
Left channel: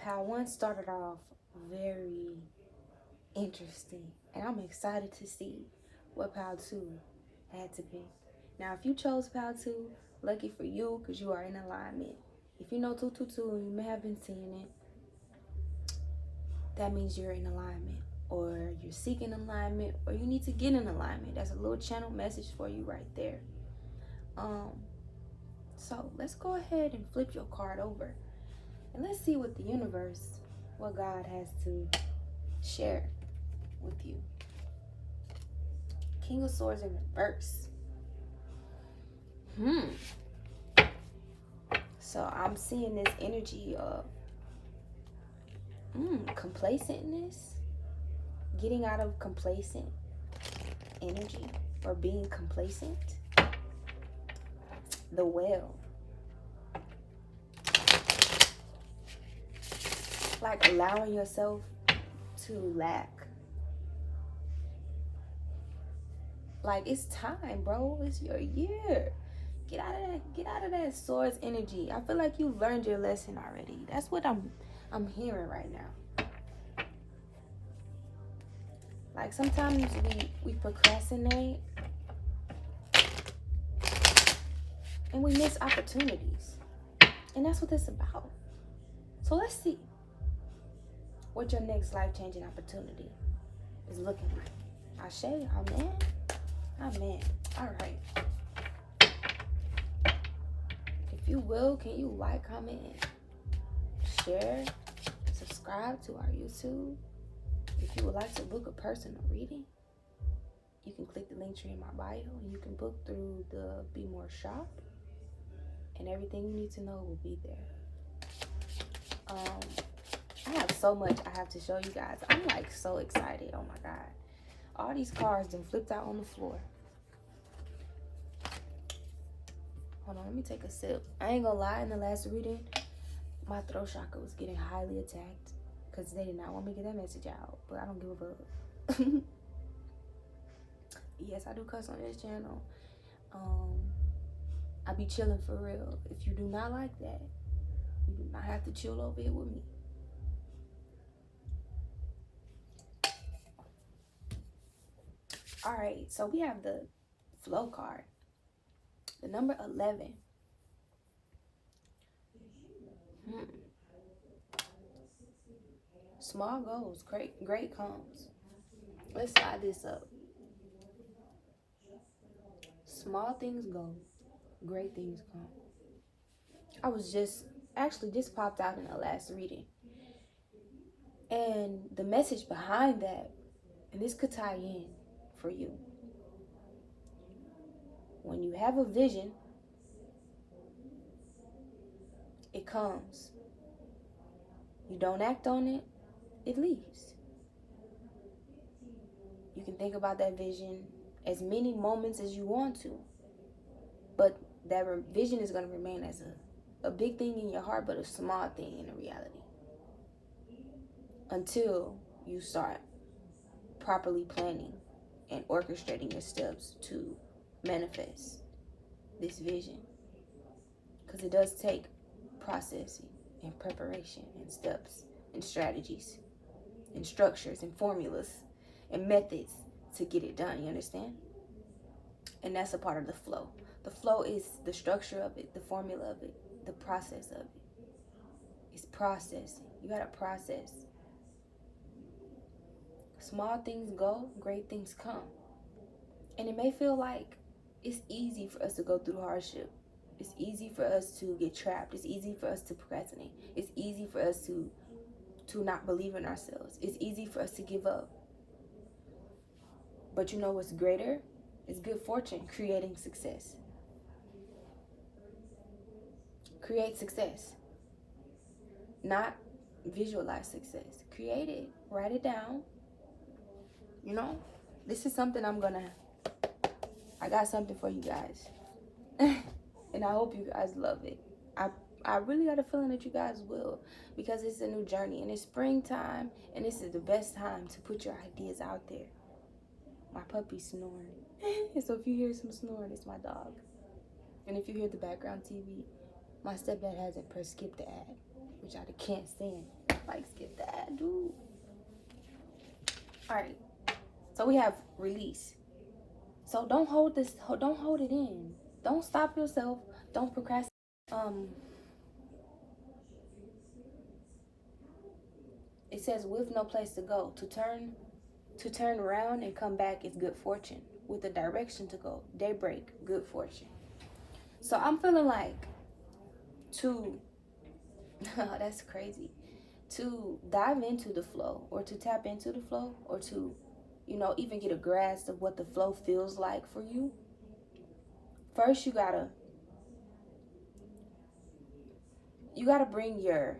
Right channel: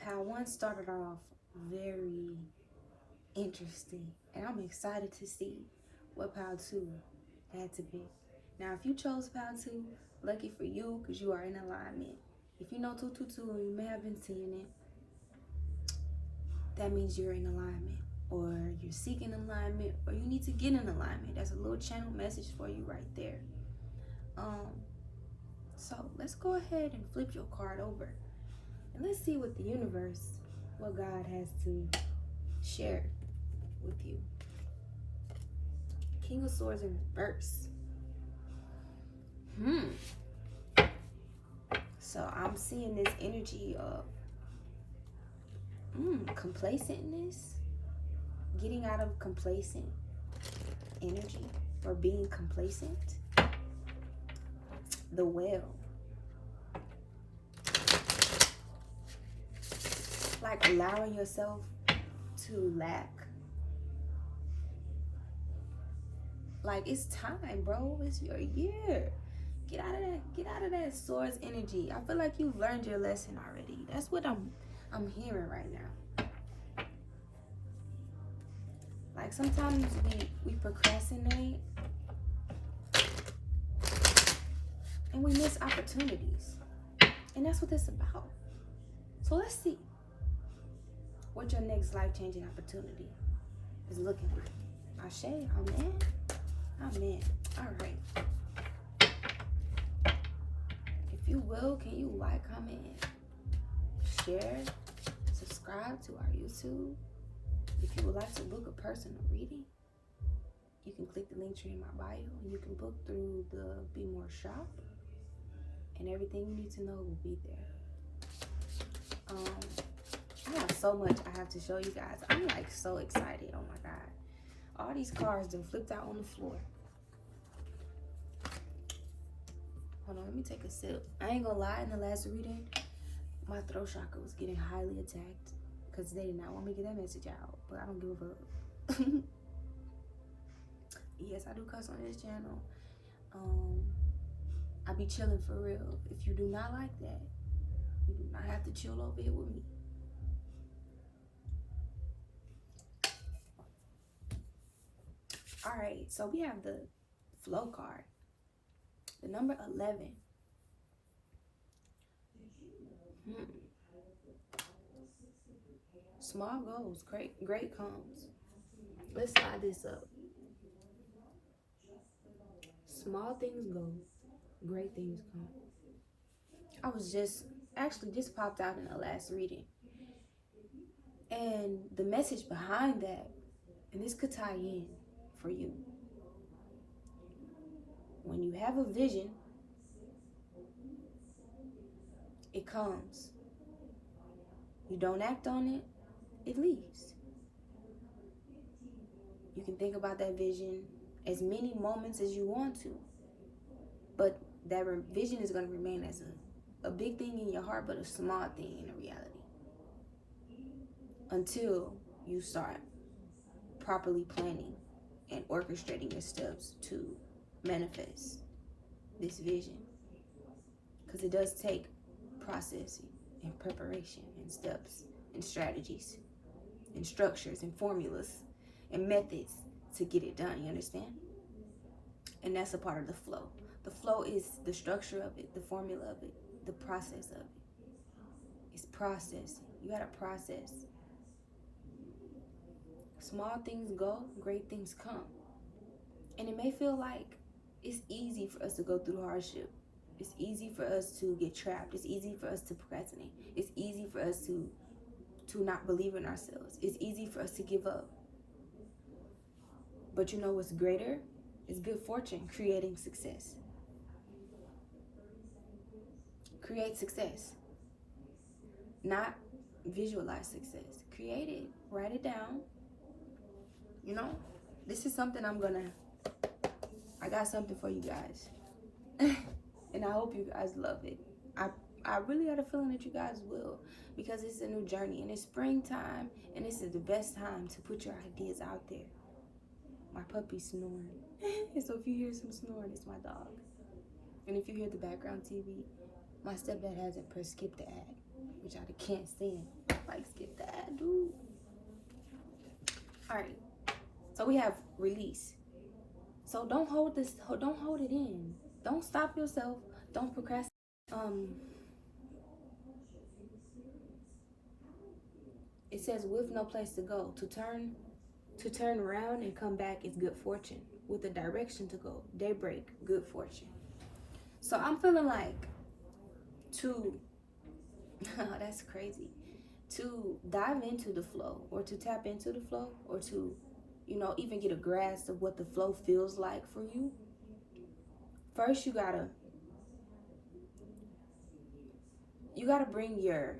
Power 1 started off very interesting, and I'm excited to see what Power 2 had to pick. Now, if you chose Power 2, lucky for you, because you are in alignment. If you know 222 and you may have been seeing it, that means you're in alignment, or you're seeking alignment, or you need to get in alignment. That's a little channel message for you right there. So let's go ahead and flip your card over, and let's see what the universe, what God has to share with you. King of Swords in reverse. So I'm seeing this energy of complacentness, getting out of complacent energy or being complacent. The Well. Like allowing yourself to lack. Like, it's time, bro. It's your year. Get out of that Swords energy. I feel like you've learned your lesson already. That's what I'm hearing right now. Like, sometimes we procrastinate and we miss opportunities. And that's what this is about. So let's see what your next life-changing opportunity is looking like. Ashe, amen. Amen. All right. If you will, can you like, comment, share, subscribe to our YouTube? If you would like to book a personal reading, you can click the Linktree in my bio. You can book through the BMORE Shop, and everything you need to know will be there. I have so much I have to show you guys. I'm like so excited. Oh my God. All these cards done flipped out on the floor. Hold on, let me take a sip. I ain't gonna lie, in the last reading, my throat chakra was getting highly attacked because they did not want me to get that message out, but I don't give a fuck. Yes, I do cuss on this channel. I be chilling for real. If you do not like that, you do not have to chill over here with me. All right, so we have the flow card, the number 11. Small goals, great comes. Let's slide this up. Small things go, great things come. I was just popped out in the last reading. And the message behind that, and this could tie in for you. When you have a vision, it comes. You don't act on it, it leaves. You can think about that vision as many moments as you want to, but that vision is going to remain as a big thing in your heart, but a small thing in reality, until you start properly planning and orchestrating your steps to manifest this vision. Because it does take processing and preparation and steps and strategies and structures and formulas and methods to get it done, you understand? And that's a part of the flow. The flow is the structure of it, the formula of it, the process of it. It's processing. You gotta process. Small things go, great things come. And it may feel like it's easy for us to go through hardship. It's easy for us to get trapped. It's easy for us to procrastinate. It's easy for us to not believe in ourselves. It's easy for us to give up. But you know what's greater? It's good fortune creating success. Create success. Not visualize success. Create it. Write it down. You know, this is something I got something for you guys. And I hope you guys love it. I really got a feeling that you guys will, because it's a new journey and it's springtime, and this is the best time to put your ideas out there. My puppy's snoring. So if you hear some snoring, it's my dog. And if you hear the background TV, my stepdad hasn't pressed skip the ad, which I can't stand. Like, skip the ad, dude. All right. So we have release. So don't hold it in. Don't stop yourself. Don't procrastinate. It says, with no place to go, to turn around and come back is good fortune. With a direction to go, daybreak, good fortune. So I'm feeling like that's crazy, to dive into the flow, or to tap into the flow, or to, you know, even get a grasp of what the flow feels like for you. First, you gotta bring your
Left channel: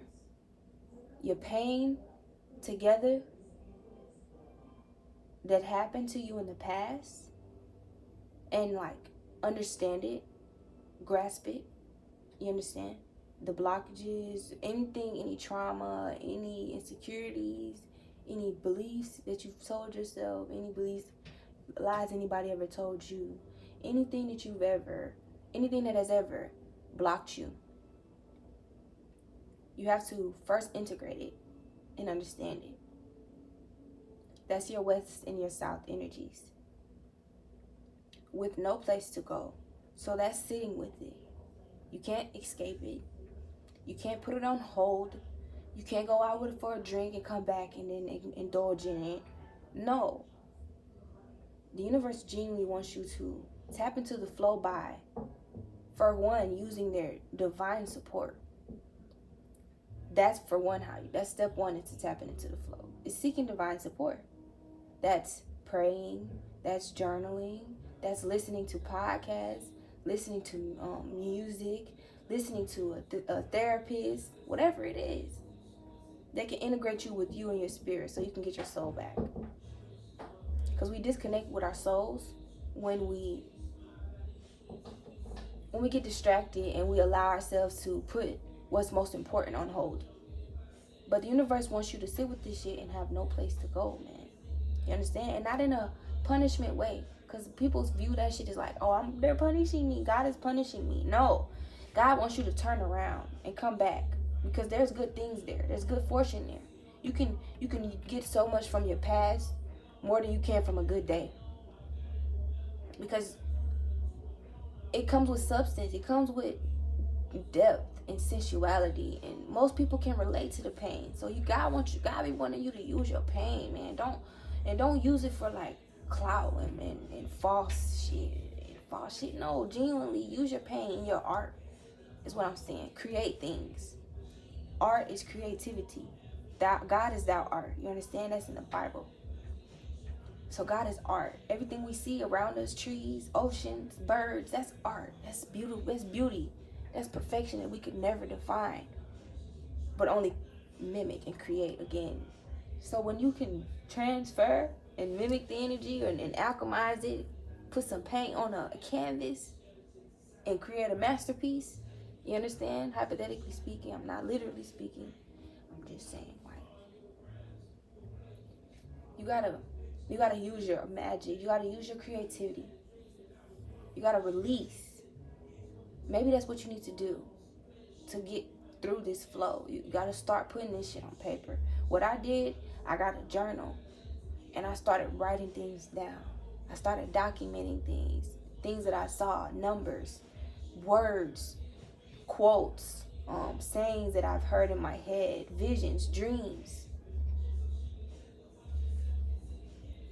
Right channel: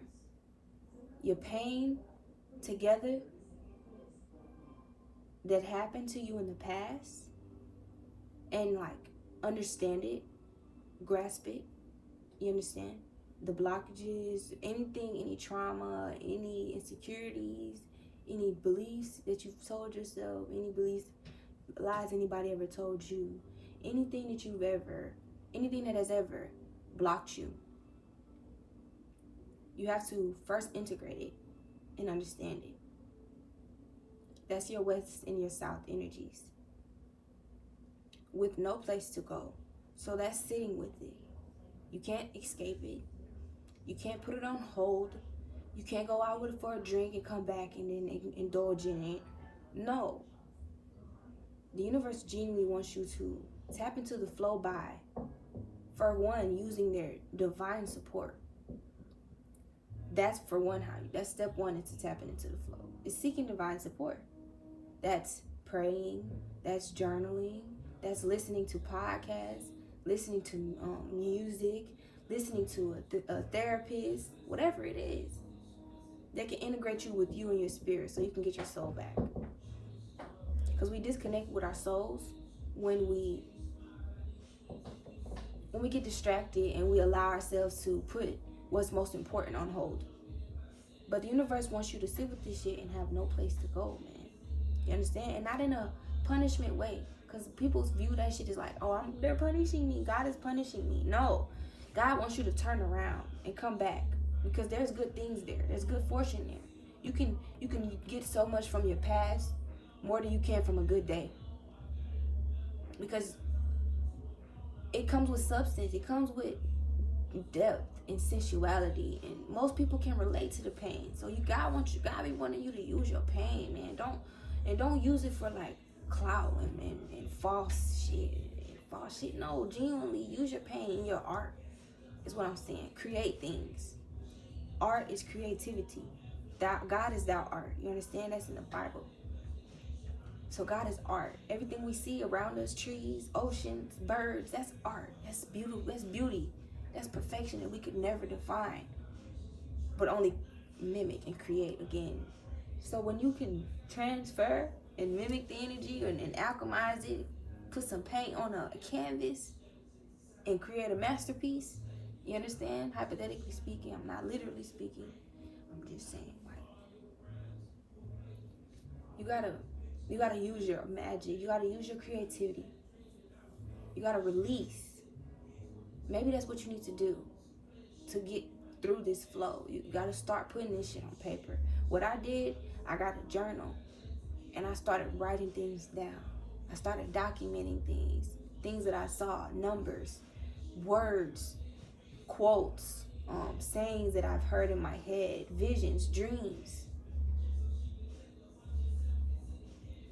pain together that happened to you in the past, and like understand it, grasp it. You understand? The blockages, anything, any trauma, any insecurities, any beliefs that you've told yourself, any beliefs, lies anybody ever told you, anything that has ever blocked you. You have to first integrate it and understand it. That's your west and your south energies. With no place to go. So that's sitting with it. You can't escape it. You can't put it on hold. You can't go out with it for a drink and come back and then indulge in it. No. The universe genuinely wants you to tap into the flow by, for one, using their divine support. That's for one, that's step one into tapping into the flow. It's seeking divine support. That's praying, that's journaling, that's listening to podcasts, listening to music, listening to a therapist, whatever it is that can integrate you with you and your spirit so you can get your soul back. Because we disconnect with our souls when we get distracted and we allow ourselves to put what's most important on hold. But the universe wants you to sit with this shit and have no place to go, man. You understand? And not in a punishment way. Because people view that shit as like, oh, they're punishing me. God is punishing me. No. God wants you to turn around and come back. Because there's good things there. There's good fortune there. You can get so much from your past, more than you can from a good day. Because it comes with substance. It comes with depth and sensuality, and most people can relate to the pain. So God be wanting you to use your pain, man. Don't use it for like clout and false shit. No, genuinely use your pain in your art is what I'm saying. Create things. Art is creativity. God is thou art. You understand? That's in the Bible. So God is art. Everything we see around us, trees, oceans, birds, that's art. That's beauty. That's perfection that we could never define, but only mimic and create again. So when you can transfer and mimic the energy and alchemize it, put some paint on a canvas and create a masterpiece, you understand? Hypothetically speaking, I'm not literally speaking. I'm just saying, like, you gotta use your magic. You gotta use your creativity. You gotta release. Maybe that's what you need to do to get through this flow. You gotta start putting this shit on paper. What I did, I got a journal and I started writing things down. I started documenting things that I saw, numbers, words, quotes, sayings that I've heard in my head, visions, dreams.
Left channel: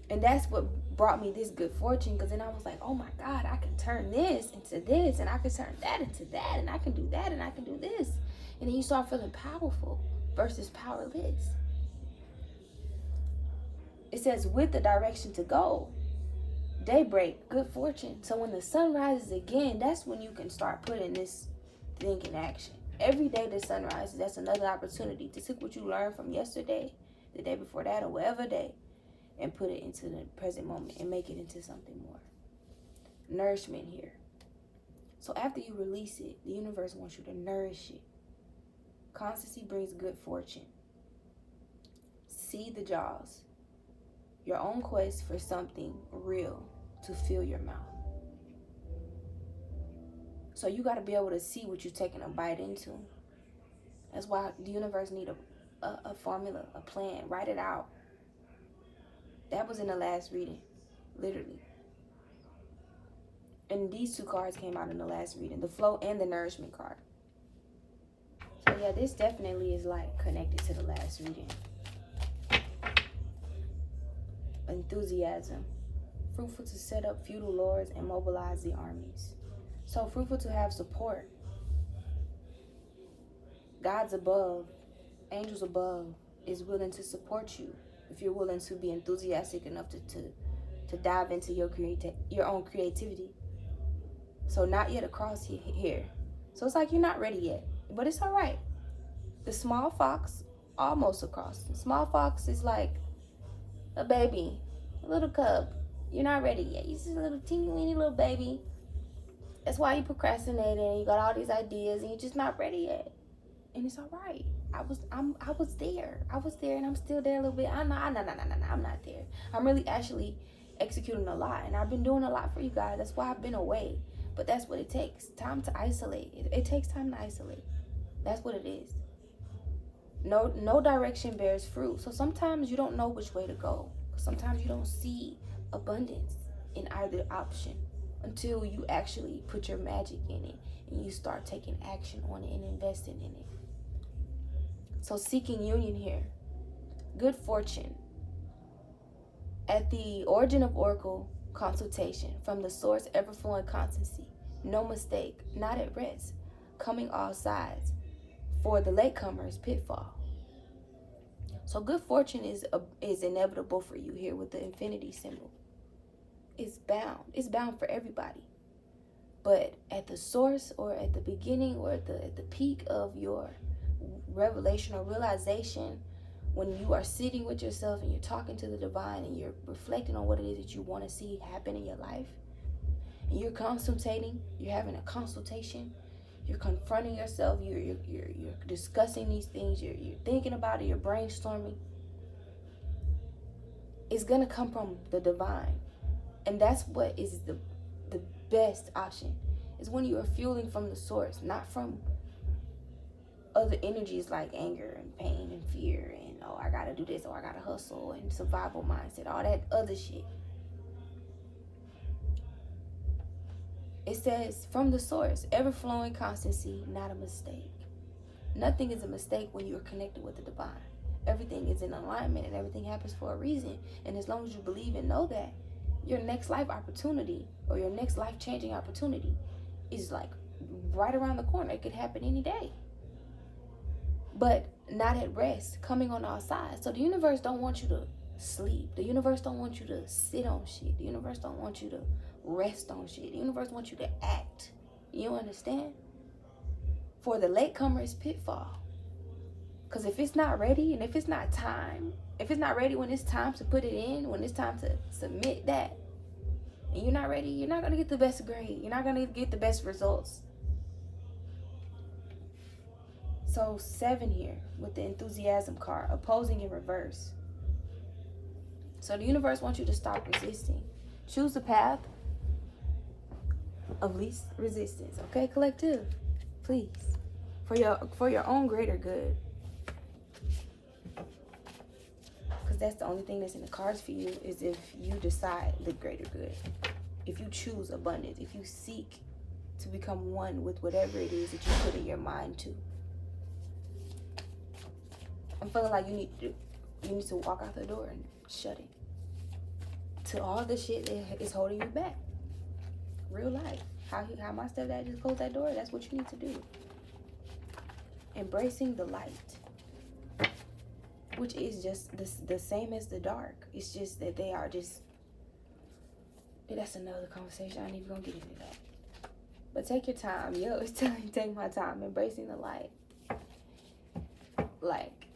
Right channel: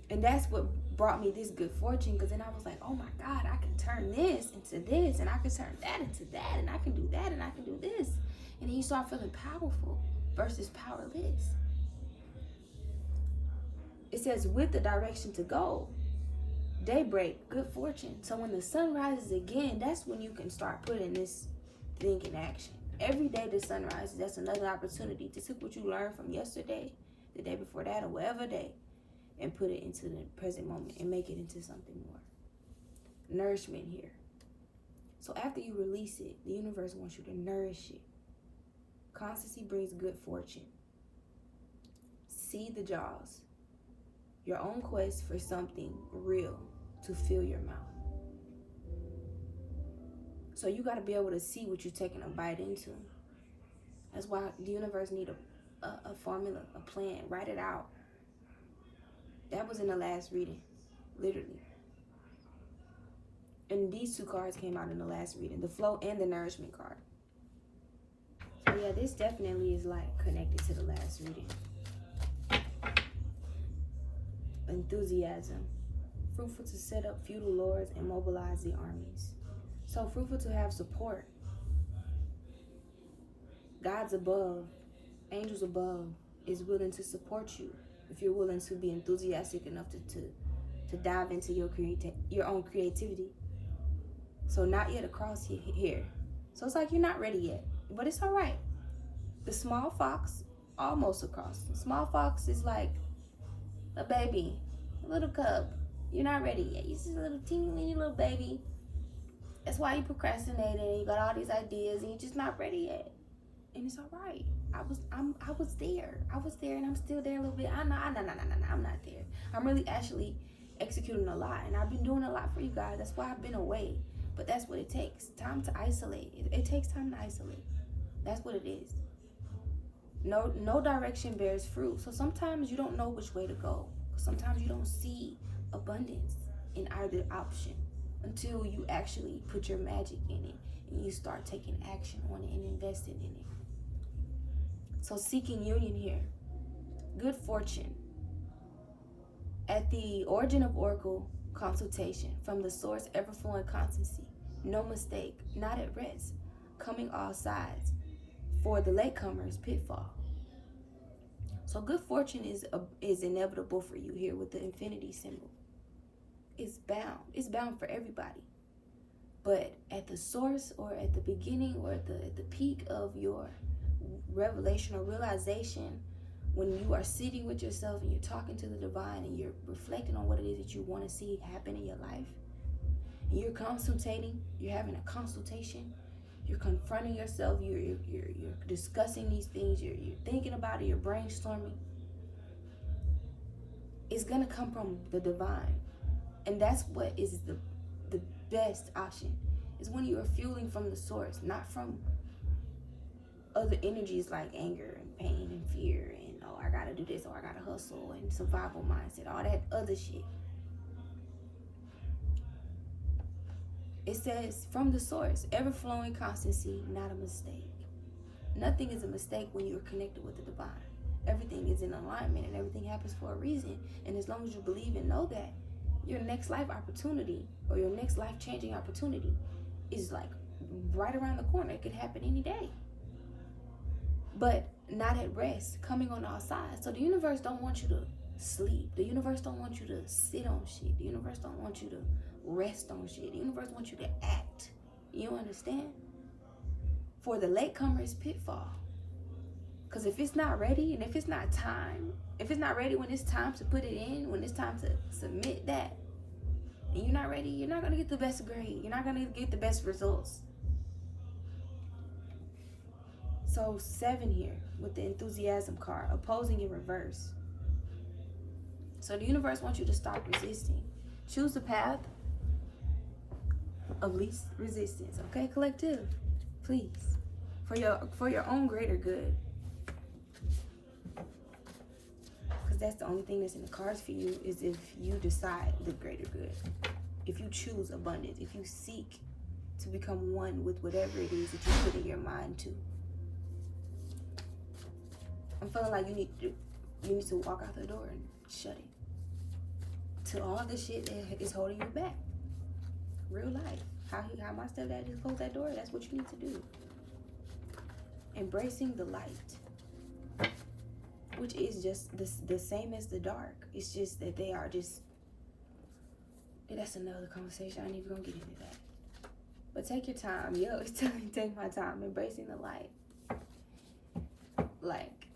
And that's what brought me this good fortune, because then I was like, oh my God, I can turn this into this, and I can turn that into that, and I can do that, and I can do this. And then you start feeling powerful versus powerless. It says, with the direction to go, daybreak, good fortune. So when the sun rises again, that's when you can start putting this thing in action. Every day the sun rises, that's another opportunity to take what you learned from yesterday, the day before that, or whatever day, and put it into the present moment and make it into something more. Nourishment here. So after you release it, the universe wants you to nourish it. Constancy brings good fortune. See the jaws. Your own quest for something real to fill your mouth. So you got to be able to see what you're taking a bite into. That's why the universe need a formula, a plan. Write it out. That was in the last reading, literally. And these two cards came out in the last reading, the flow and the nourishment card. So yeah, this definitely is like connected to the last reading. Enthusiasm. Fruitful to set up feudal lords and mobilize the armies. So fruitful to have support. Gods above, angels above is willing to support you if you're willing to be enthusiastic enough to dive into your own creativity. So not yet across here. So it's like you're not ready yet, but it's all right. The small fox almost across. The small fox is like a baby, a little cub. You're not ready yet. You're just a little teeny weeny little baby. That's why you procrastinating and you got all these ideas and you're just not ready yet. And it's all right. I was there. I was there and I'm still there a little bit. I'm not there. I'm really actually executing a lot, and I've been doing a lot for you guys. That's why I've been away. But that's what it takes. Time to isolate. It takes time to isolate. That's what it is. No direction bears fruit. So sometimes you don't know which way to go. Sometimes you don't see abundance in either option until you actually put your magic in it and you start taking action on it and investing in it. So seeking union here. Good fortune. At the origin of Oracle consultation, from the source, ever-flowing constancy. No mistake, not at rest. Coming all sides. For the latecomers, pitfall. So good fortune is inevitable for you here with the infinity symbol. It's bound. It's bound for everybody. But at the source or at the beginning or at the peak of your revelation or realization, when you are sitting with yourself and you're talking to the divine and you're reflecting on what it is that you want to see happen in your life, and you're consultating, you're having a consultation, you're confronting yourself, you're discussing these things, you're thinking about it, you're brainstorming, it's going to come from the divine. And that's what is the best option, is when you are fueling from the source, not from other energies like anger and pain and fear and, oh, I gotta do this, or I gotta hustle, and survival mindset, all that other shit. It says, from the source, ever-flowing constancy, not a mistake. Nothing is a mistake when you are connected with the divine. Everything is in alignment and everything happens for a reason. And as long as you believe and know that, your next life opportunity or your next life-changing opportunity is like right around the corner. It could happen any day. But not at rest, coming on all sides. So the universe don't want you to sleep. The universe don't want you to sit on shit. The universe don't want you to rest on shit. The universe wants you to act. You understand? For the latecomers, pitfall. Because if it's not ready and if it's not time, if it's not ready when it's time to put it in, when it's time to submit that, and you're not ready, you're not going to get the best grade. You're not going to get the best results. So 7 here with the enthusiasm card, opposing in reverse. So the universe wants you to stop resisting. Choose the path of least resistance. Okay, collective, please, for your own greater good. Because that's the only thing that's in the cards for you, is if you decide the greater good. If you choose abundance, if you seek to become one with whatever it is that you put in your mind to. I'm feeling like you need to walk out the door and shut it. To all the shit that is holding you back. Real life. How my stepdad just closed that door, that's what you need to do. Embracing the light. Which is just the same as the dark. It's just that they are just... That's another conversation. I ain't even gonna get into that. But take your time. Yo, it's telling you, take my time. Embracing the light. Like,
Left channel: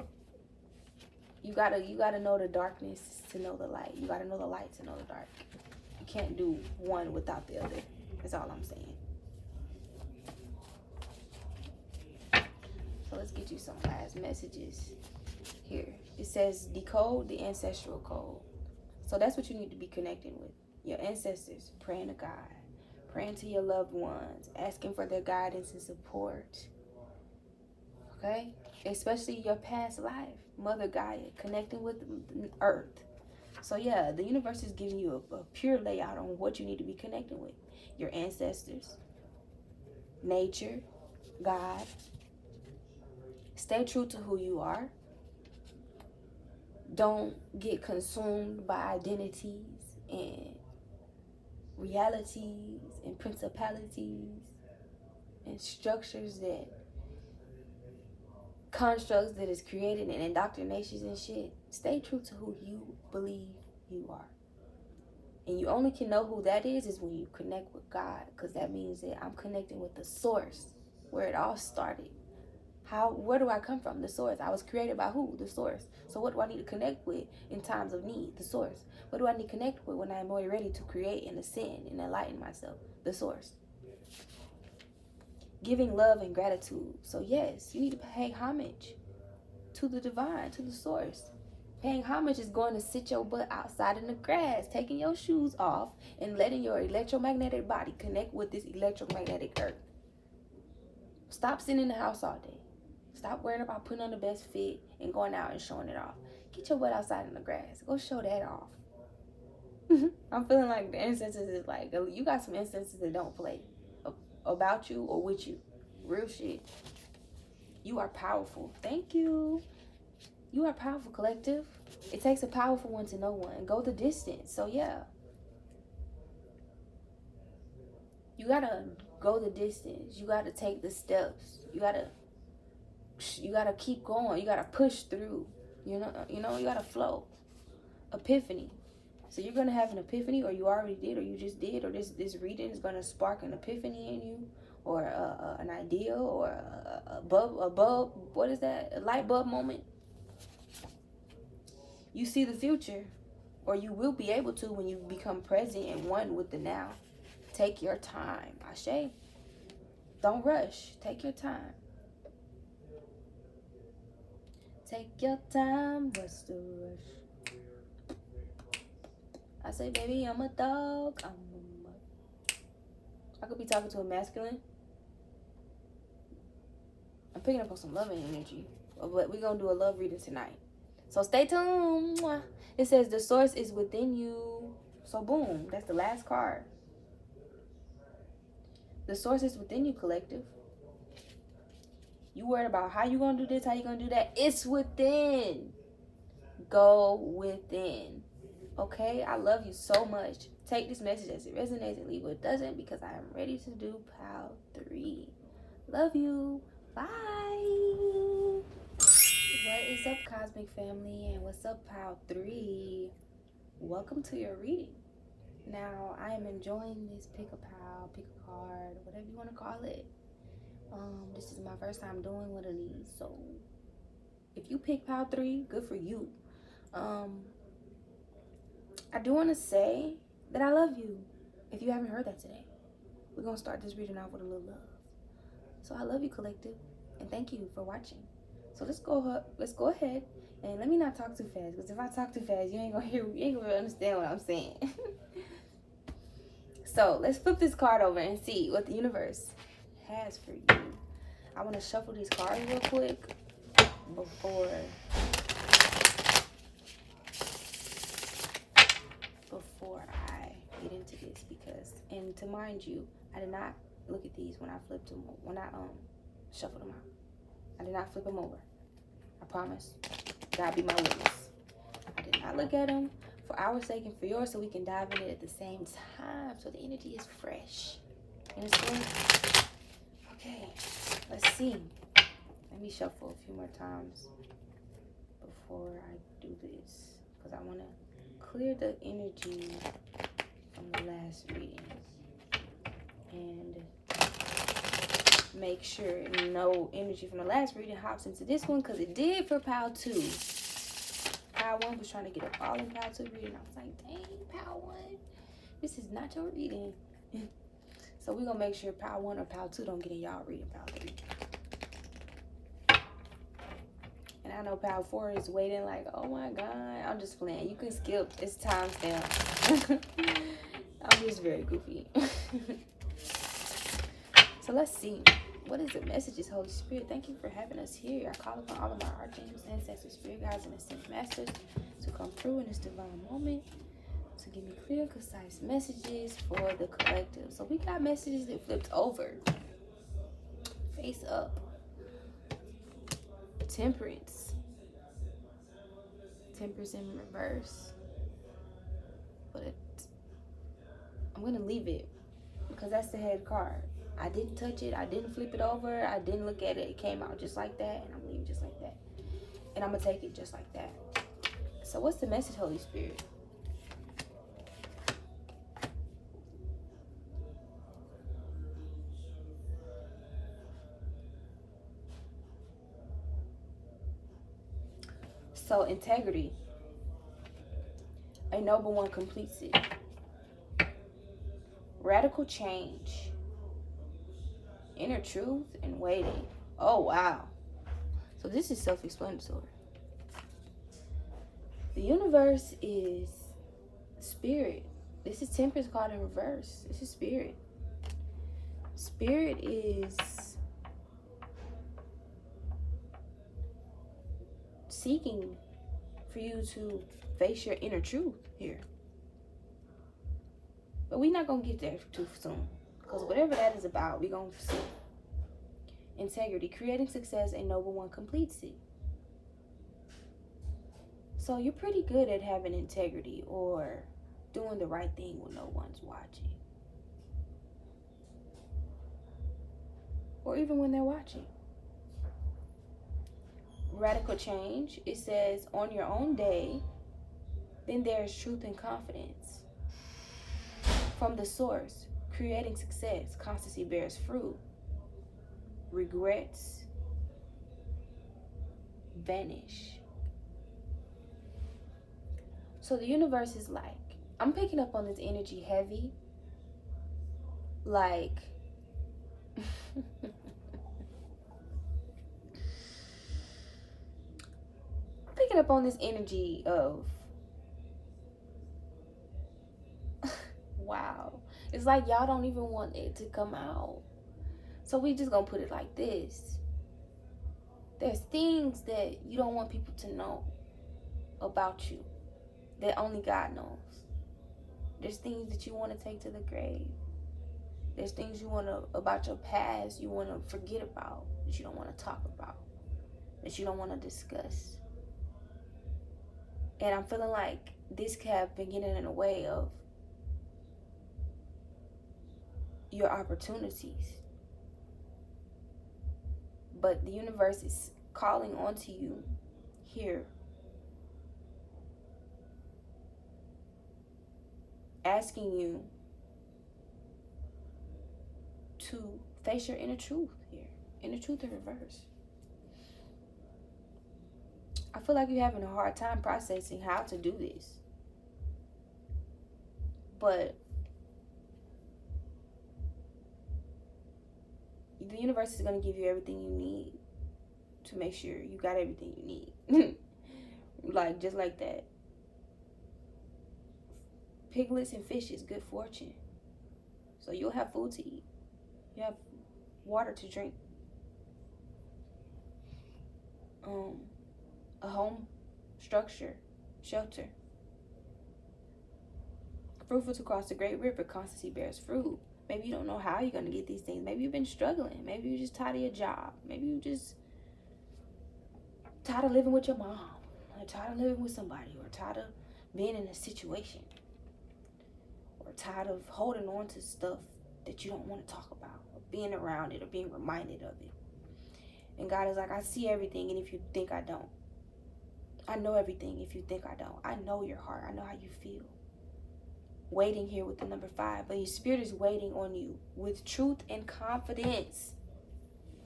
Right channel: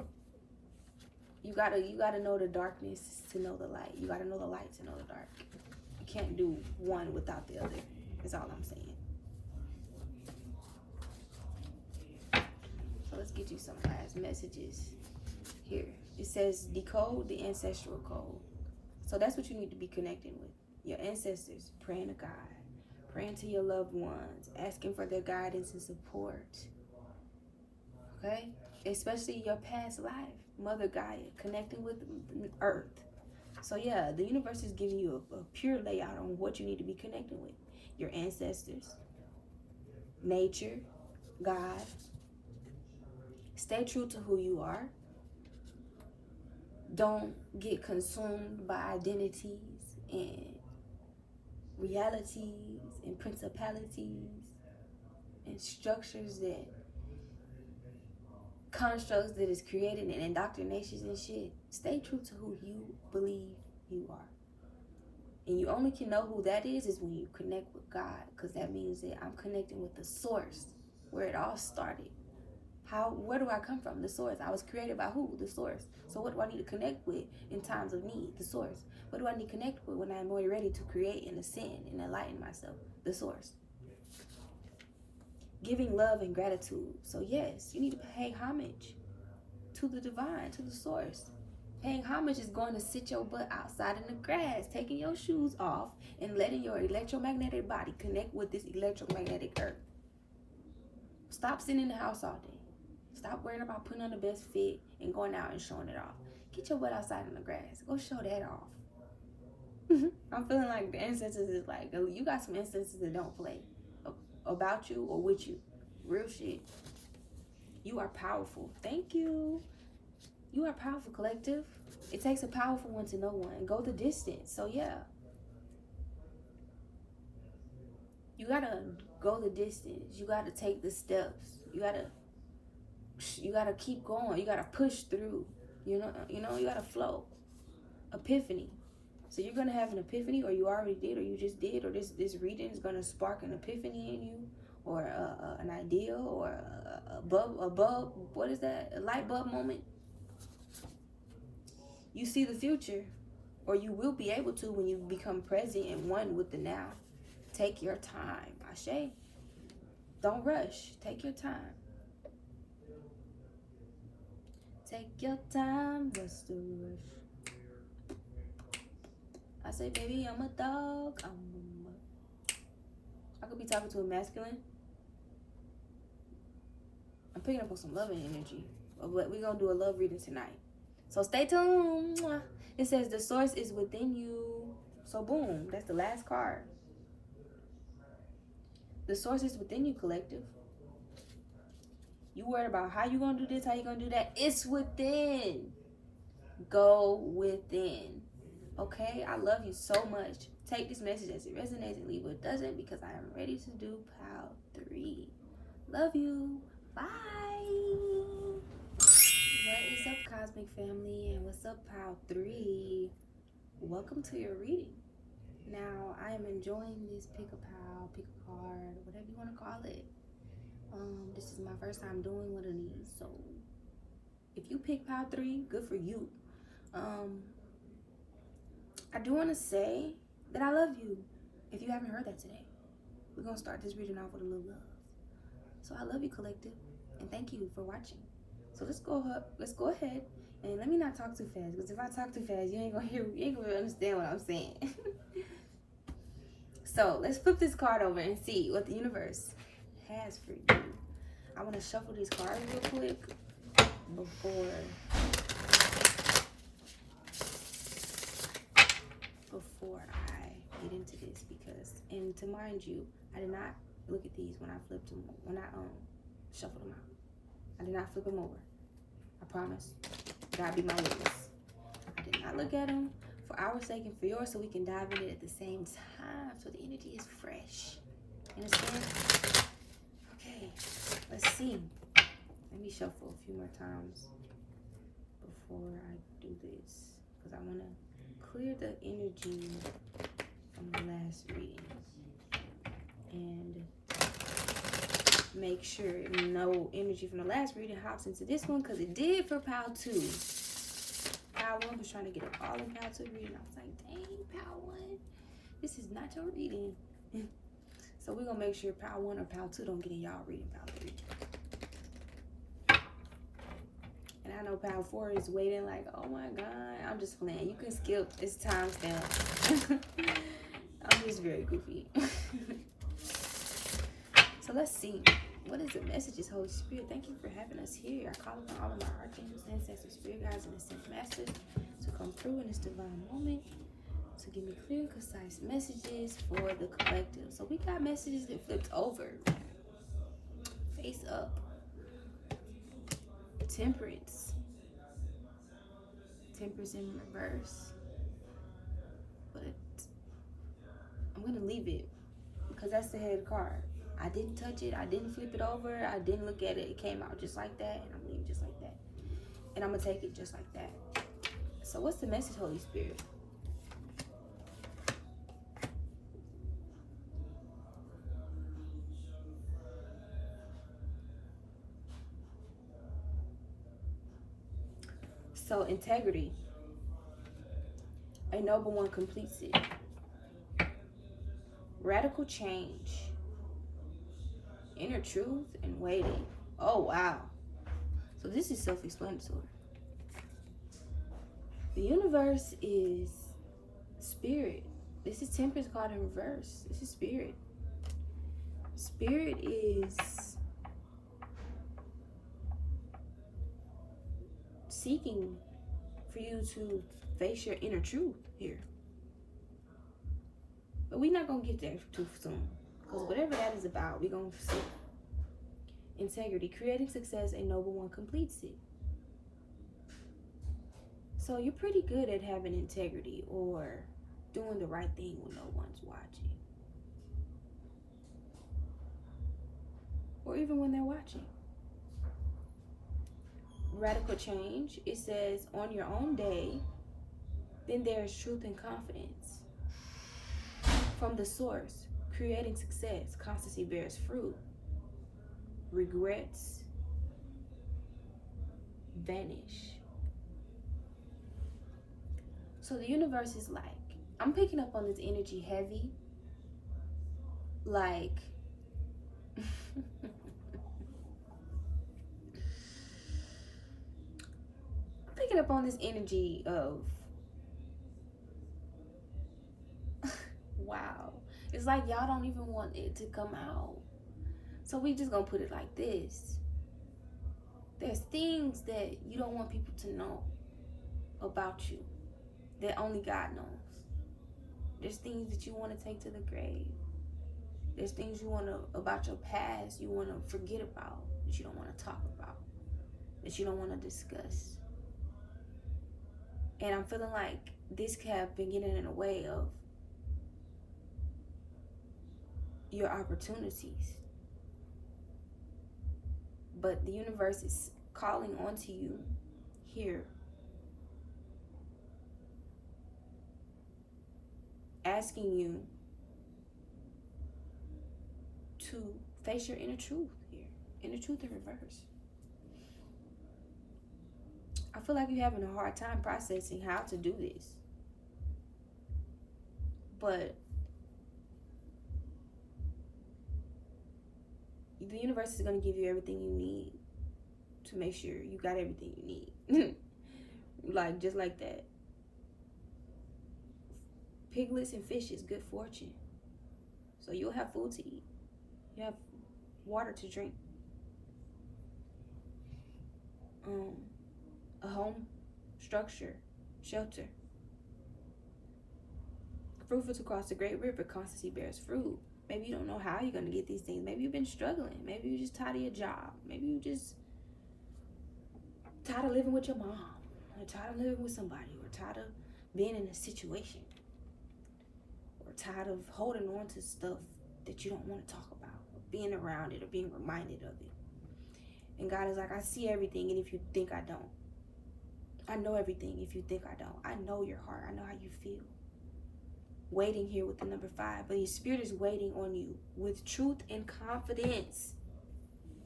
you gotta know the darkness to know the light. You gotta know the light to know the dark. You can't do one without the other. That's all I'm saying. So let's get you some last messages here. It says decode the ancestral code. So that's what you need to be connecting with. Your ancestors, praying to God, praying to your loved ones, asking for their guidance and support. Okay? Especially your past life, Mother Gaia, connecting with Earth. So yeah, the universe is giving you a pure layout on what you need to be connecting with. Your ancestors, nature, God. Stay true to who you are. Don't get consumed by identities and realities and principalities and structures that constructs that is created and indoctrinations and shit. Stay true to who you believe you are. And you only can know who that is when you connect with God, because that means that I'm connecting with the source, where it all started. Where do I come from? The source. I was created by who? The source. So what do I need to connect with in times of need? The source. What do I need to connect with when I'm more ready to create and ascend and enlighten myself? The source. Giving love and gratitude. So yes, you need to pay homage to the divine, to the source. Paying homage is going to sit your butt outside in the grass, taking your shoes off and letting your electromagnetic body connect with this electromagnetic earth. Stop sitting in the house all day. Stop worrying about putting on the best fit and going out and showing it off. Get your butt outside in the grass. Go show that off. I'm feeling like the instances is like, you got some instances that don't play about you or with you. Real shit. You are powerful. Thank you. You are powerful, collective. It takes a powerful one to know one. Go the distance. So yeah. You gotta go the distance. You gotta take the steps. You gotta keep going. You gotta push through. You gotta flow. Epiphany. So you're gonna have an epiphany, or you already did, or you just did, or this reading is gonna spark an epiphany in you, or an idea, or a bulb. What is that? A light bulb moment. You see the future, or you will be able to when you become present and one with the now. Take your time, Ashe. Don't rush. Take your time. Take your time. What's the rush? I say, baby, I'm a dog. I could be talking to a masculine. I'm picking up on some loving energy. But we're going to do a love reading tonight. So stay tuned. It says the source is within you. So boom, that's the last card. The source is within you, collective. You worried about how you going to do this, how you going to do that. It's within. Go within. Okay? I love you so much. Take this message as it resonates and leave what doesn't, because I am ready to do pile 3. Love you. Bye. What is up, Cosmic Family? And what's up, pile 3? Welcome to your reading. Now, I am enjoying this pick a pile, pick a card, whatever you want to call it. This is my first time doing one of these, so if you pick pile 3, good for you. I do want to say that I love you. If you haven't heard that today, we're gonna start this reading off with a little love. So I love you, collective, and thank you for watching. So let's go ahead, and let me not talk too fast, because if I talk too fast, you ain't gonna understand what I'm saying. So let's flip this card over and see what the universe has for you. I want to shuffle these cards real quick before I get into this, because, and to mind you, I did not look at these when I flipped them, when I shuffled them out. I did not flip them over. I promise. God be my witness. I did not look at them for our sake and for yours, so we can dive in it at the same time, so the energy is fresh. You understand? Okay, let's see. Let me shuffle a few more times before I do this, because I want to clear the energy from the last reading. And make sure no energy from the last reading hops into this one, because it did for pile 2. Pile 1 was trying to get up all in pile 2 reading. I was like, dang, pile 1, this is not your reading. So we're going to make sure pile 1 or pile 2 don't get in y'all reading pile 3. And I know pile 4 is waiting like, oh my God. I'm just playing. You can skip. It's timestamp. I'm just very goofy. So let's see. What is the messages, Holy Spirit? Thank you for having us here. I call upon all of my archangels, ancestors, spirit guides, and ascended masters to come through in this divine moment to give me clear, concise messages for the collective. So we got messages that flipped over. Face up. Temperance. Temperance in reverse. But I'm going to leave it because that's the head card. I didn't touch it. I didn't flip it over. I didn't look at it. It came out just like that. And I'm leaving just like that. And I'm going to take it just like that. So what's the message, Holy Spirit? So integrity. A noble one completes it. Radical change. Inner truth and waiting. Oh, wow. So this is self-explanatory. The universe is spirit. This is temperance card in reverse. This is spirit. Spirit is seeking for you to face your inner truth here. But we're not going to get there too soon. Because whatever that is about, we're going to see. Integrity. Creating success, a noble one completes it. So you're pretty good at having integrity or doing the right thing when no one's watching. Or even when they're watching. Radical change. It says, on your own day, then there is truth and confidence. From the source, creating success, constancy bears fruit. Regrets vanish. So the universe is like, I'm picking up on this energy heavy. Like, picking up on this energy of, wow. It's like y'all don't even want it to come out. So we just gonna put it like this. There's things that you don't want people to know about you that only God knows. There's things that you want to take to the grave. There's things you want to, about your past, you want to forget about, that you don't want to talk about, that you don't want to discuss. And I'm feeling like this could have been getting in the way of your opportunities. But the universe is calling onto you here, asking you to face your inner truth here. Inner truth in reverse. I feel like you're having a hard time processing how to do this. But the universe is going to give you everything you need to make sure you got everything you need. Like, just like that. Piglets and fishes, good fortune. So you'll have food to eat. You have water to drink. A home, structure, shelter. Fruitful to cross the great river, constancy bears fruit. Maybe you don't know how you're going to get these things. Maybe you've been struggling. Maybe you're just tired of your job. Maybe you just tired of living with your mom. Or tired of living with somebody. Or tired of being in a situation. Or tired of holding on to stuff that you don't want to talk about. Or being around it or being reminded of it. And God is like, I see everything, and if you think I don't. I know everything if you think I don't. I know your heart. I know how you feel. Waiting here with the number 5. But your spirit is waiting on you with truth and confidence.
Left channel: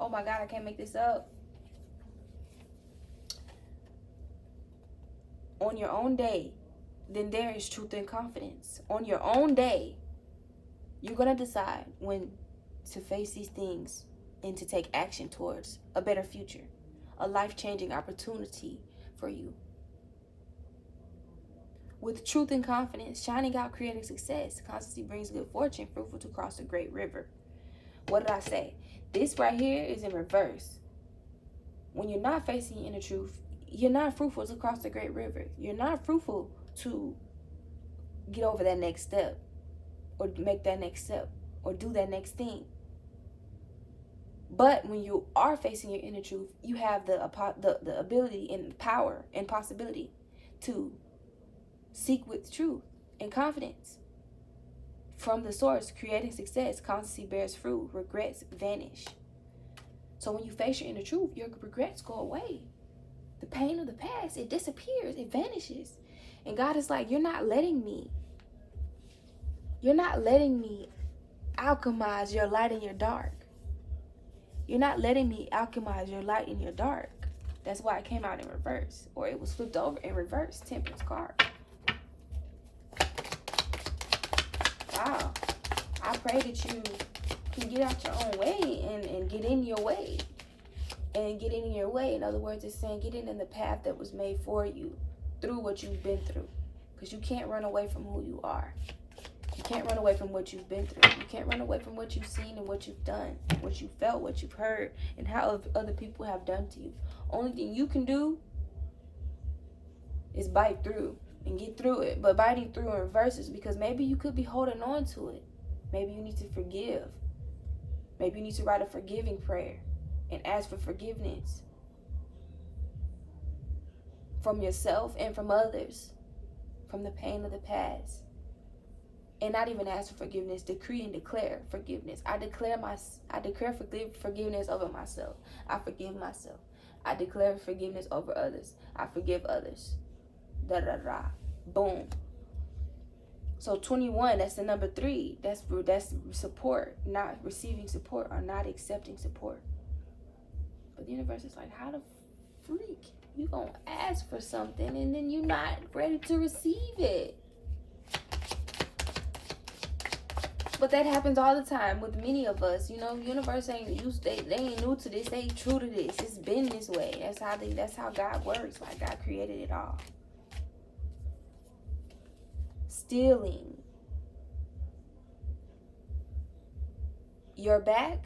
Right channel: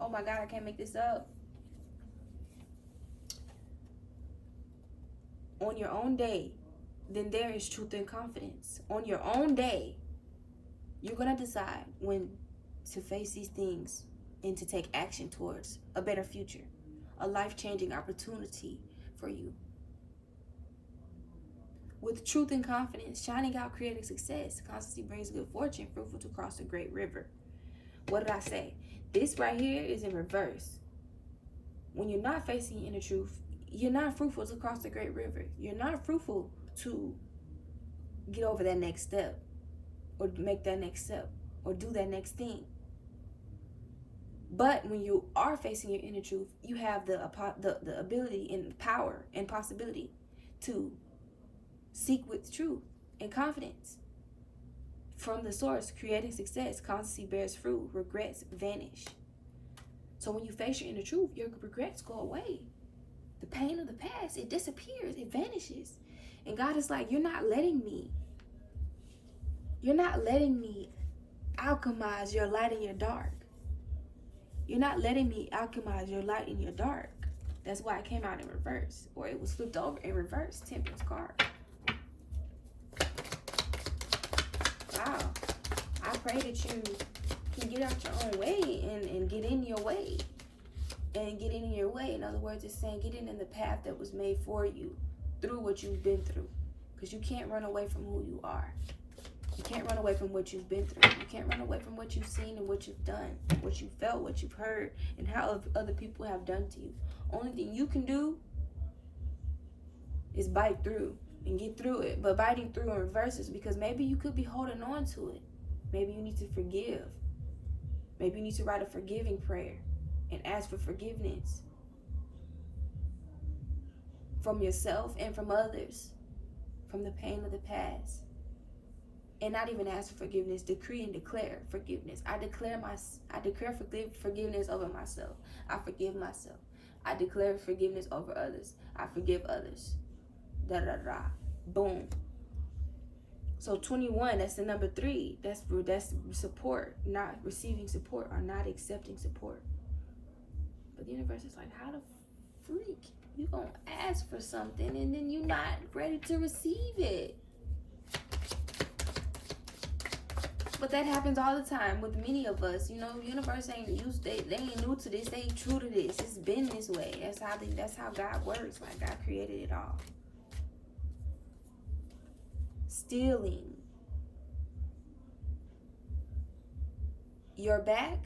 Oh my God, I can't make this up. On your own day, then there is truth and confidence. On your own day, you're going to decide when to face these things and to take action towards a better future, a life-changing opportunity for you. With truth and confidence, shining out, creating success. Constancy brings good fortune, fruitful to cross a great river. What did I say? This right here is in reverse. When you're not facing your inner truth, you're not fruitful to cross the great river. You're not fruitful to get over that next step, or make that next step, or do that next thing. But when you are facing your inner truth, you have the ability and power and possibility to seek with truth and confidence from the source. Creating success, constancy bears fruit, regrets vanish. So when you face your inner truth, your regrets go away. The pain of the past, it disappears, it vanishes. And God is like, you're not letting me alchemize your light in your dark. You're not letting me alchemize your light in your dark. That's why it came out in reverse, or it was flipped over in reverse. Temperance card. Wow. I pray that you can get out your own way and get in your way. And get in your way. In other words, it's saying get in the path that was made for you through what you've been through. Because you can't run away from who you are. You can't run away from what you've been through. You can't run away from what you've seen and what you've done, what you felt, what you've heard, and how other people have done to you. Only thing you can do is bite through and get through it. But biting through in reverse is because maybe you could be holding on to it. Maybe you need to forgive. Maybe you need to write a forgiving prayer and ask for forgiveness from yourself and from others, from the pain of the past. And not even ask for forgiveness, decree and declare forgiveness. I declare forgiveness over myself. I forgive myself. I declare forgiveness over others. I forgive others. Da da da. Boom. So 21, that's the number 3. That's support, not receiving support or not accepting support. But the universe is like, how the freak you gonna ask for something and then you're not ready to receive it? But that happens all the time with many of us. You know, the universe ain't used. They ain't new to this. They ain't true to this. It's been this way. That's how God works. Like God created it all. Stealing your back,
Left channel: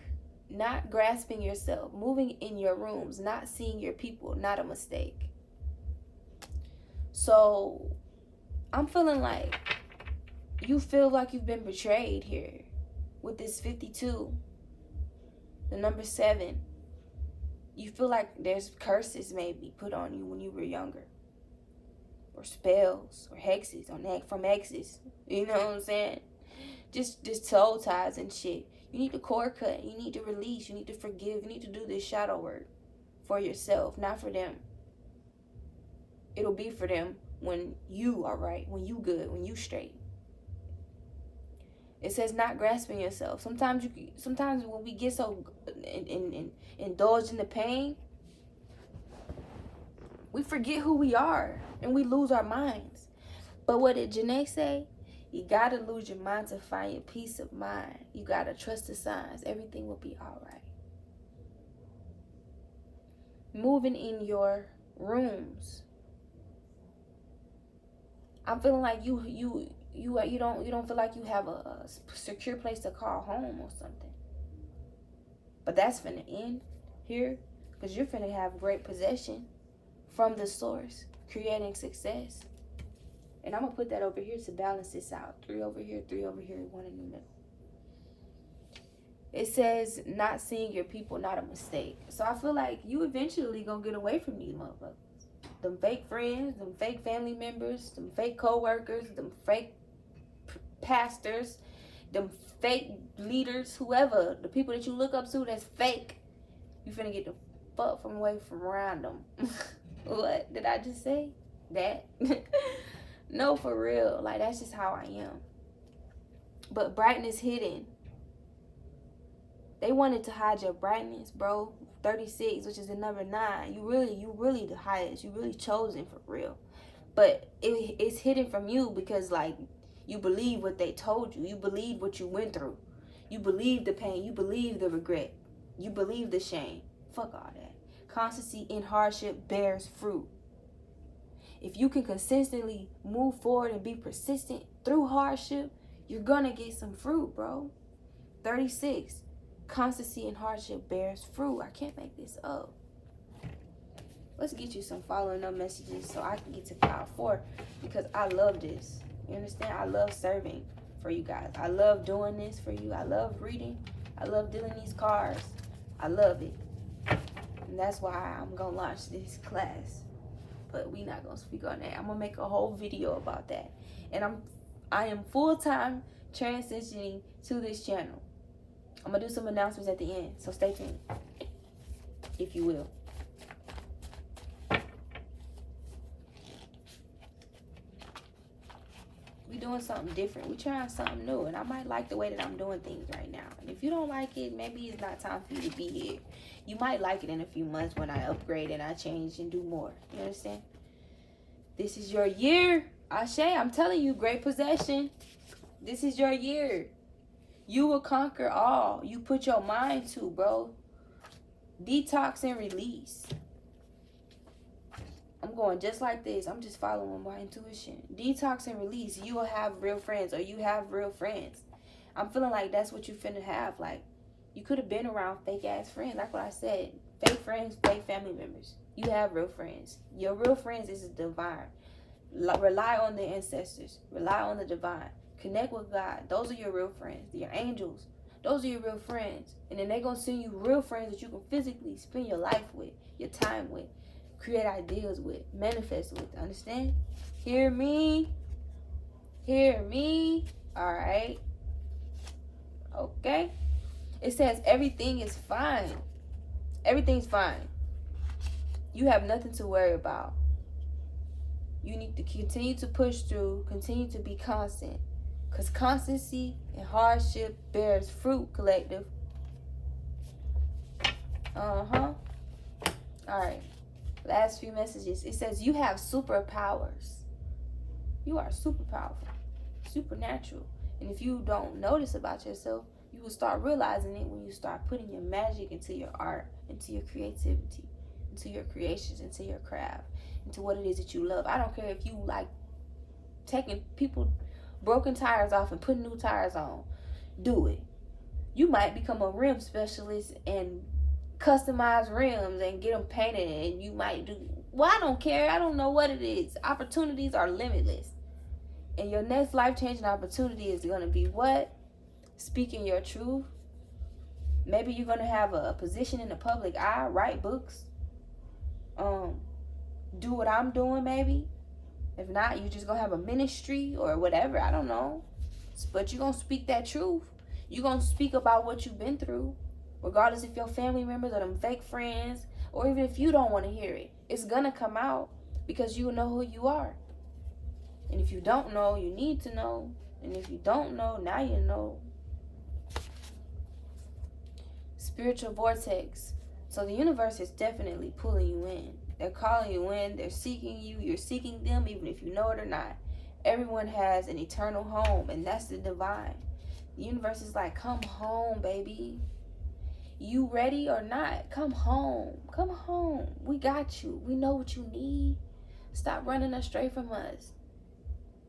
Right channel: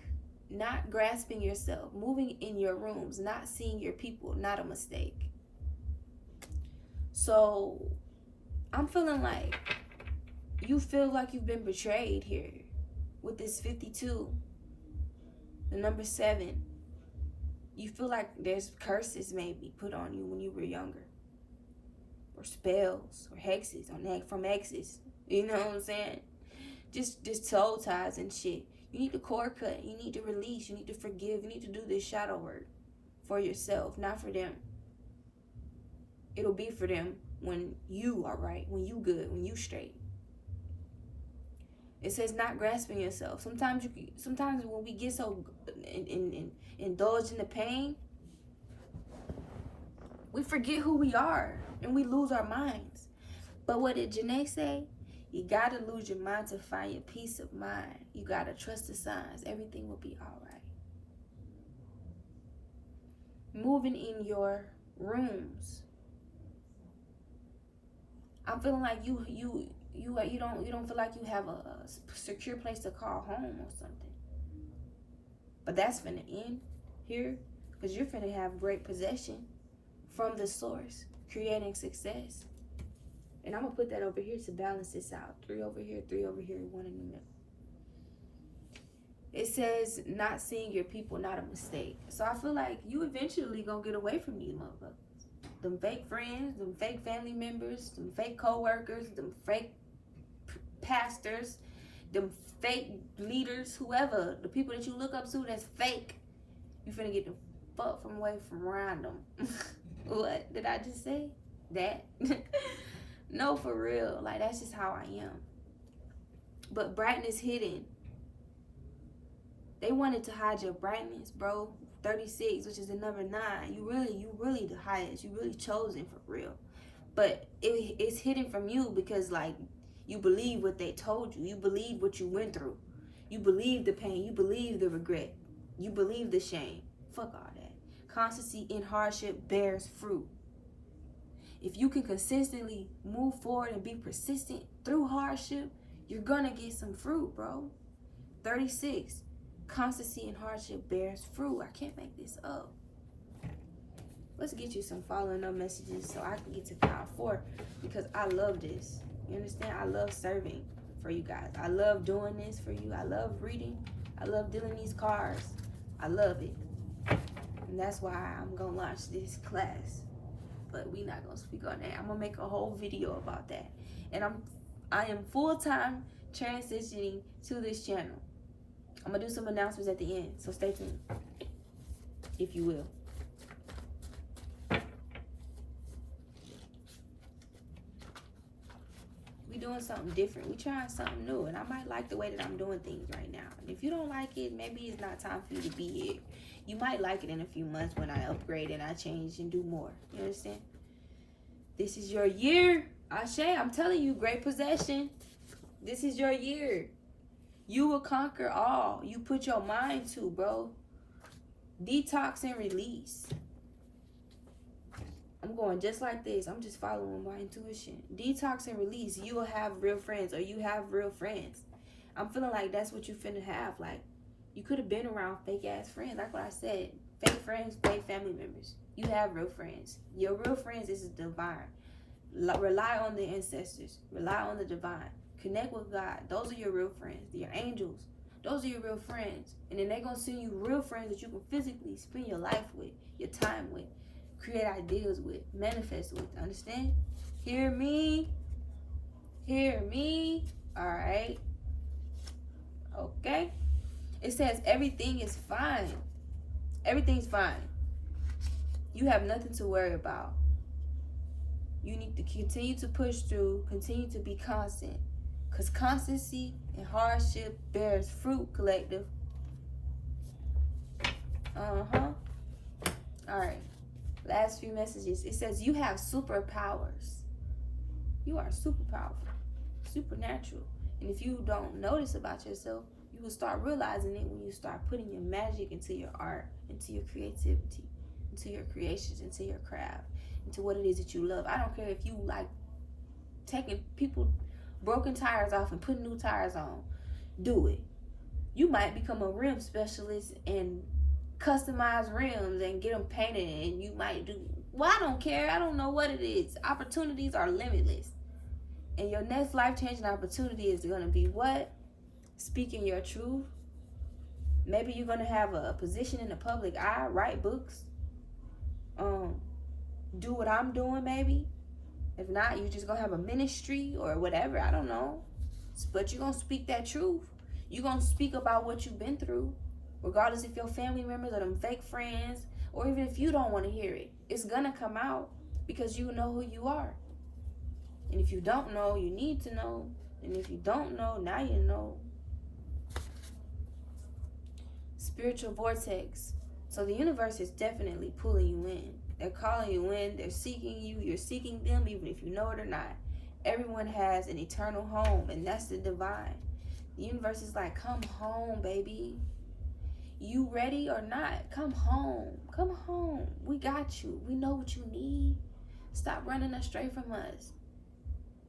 not grasping yourself, moving in your rooms, not seeing your people, not a mistake. So I'm feeling like you feel like you've been betrayed here with this 52, the number 7. You feel like there's curses maybe put on you when you were younger, or spells or hexes from exes. You know what I'm saying? Just soul ties and shit. You need to cord cut. You need to release. You need to forgive. You need to do this shadow work for yourself, not for them. It'll be for them when you are right, when you good, when you straight. It says not grasping yourself. Sometimes when we get so indulged in the pain, we forget who we are and we lose our minds. But what did Janae say? You gotta lose your mind to find your peace of mind. You gotta trust the signs. Everything will be all right. Moving in your rooms. I'm feeling like you don't feel like you have a secure place to call home or something. But that's finna end here, because you're finna have great possession from the source, creating success. And I'm gonna put that over here to balance this out. 3 over here, 3 over here, 1 in the middle. It says not seeing your people, not a mistake. So I feel like you eventually gonna get away from these motherfuckers. Them fake friends, them fake family members, them fake co-workers, them fake pastors, them fake leaders, whoever, the people that you look up to that's fake. You finna get the fuck from away from around them. What did I just say? That? No, for real. Like, that's just how I am. But brightness hidden. They wanted to hide your brightness, bro. 36, which is the number 9. You really the highest. You really chosen for real. But it's hidden from you because, like, you believe what they told you. You believe what you went through. You believe the pain. You believe the regret. You believe the shame. Fuck all that. Constancy in hardship bears fruit. If you can consistently move forward and be persistent through hardship, you're gonna get some fruit, bro. 36. Constancy in hardship bears fruit. I can't make this up. Let's get you some following up messages so I can get to pile 4, because I love this. You understand? I love serving for you guys. I love doing this for you. I love reading. I love dealing these cards. I love it. And that's why I'm going to launch this class. But we not going to speak on that. I'm going to make a whole video about that. And I am full-time transitioning to this channel. I'm going to do some announcements at the end. So stay tuned, if you will. We doing something different. We trying something new. And I might like the way that I'm doing things right now. And if you don't like it, maybe it's not time for you to be here. You might like it in a few months when I upgrade and I change and do more. You understand? This is your year. Ashe, I'm telling you, great possession. This is your year. You will conquer all you put your mind to, bro. Detox and release. I'm going just like this. I'm just following my intuition. Detox and release. You will have real friends, or you have real friends. I'm feeling like that's what you finna have. Like, you could have been around fake ass friends. Like what I said. Fake friends, fake family members. You have real friends. Your real friends is the divine. Rely on the ancestors. Rely on the divine. Connect with God. Those are your real friends. Your angels. Those are your real friends. And then they're going to send you real friends that you can physically spend your life with, your time with, create ideas with, manifest with. Understand? Hear me? Hear me? All right. Okay. It says everything is fine. Everything's fine. You have nothing to worry about. You need to continue to push through, continue to be constant. Because constancy and hardship bears fruit, collective. All right. Last few messages. It says you have superpowers. You are super powerful, supernatural. And if you don't notice about yourself, you will start realizing it when you start putting your magic into your art, into your creativity, into your creations, into your craft, into what it is that you love. I don't care if you like taking people broken tires off and putting new tires on. Do it. You might become a rim specialist and customize rims and get them painted, and you might do, well, I don't care. I don't know what it is. Opportunities are limitless. And your next life-changing opportunity is going to be what? Speaking your truth. Maybe you're going to have a position in the public eye, write books. Do what I'm doing, maybe. If not, you just going to have a ministry or whatever. I don't know. But you're going to speak that truth. You're going to speak about what you've been through. Regardless if your family members or them fake friends, or even if you don't want to hear it. It's going to come out because you know who you are. And if you don't know, you need to know. And if you don't know, now you know. Spiritual vortex. So the universe is definitely pulling you in. They're calling you in. They're seeking you. You're seeking them, even if you know it or not. Everyone has an eternal home, and that's the divine. The universe is like, come home, baby. You ready or not? Come home. Come home. We got you. We know what you need. Stop running astray from us.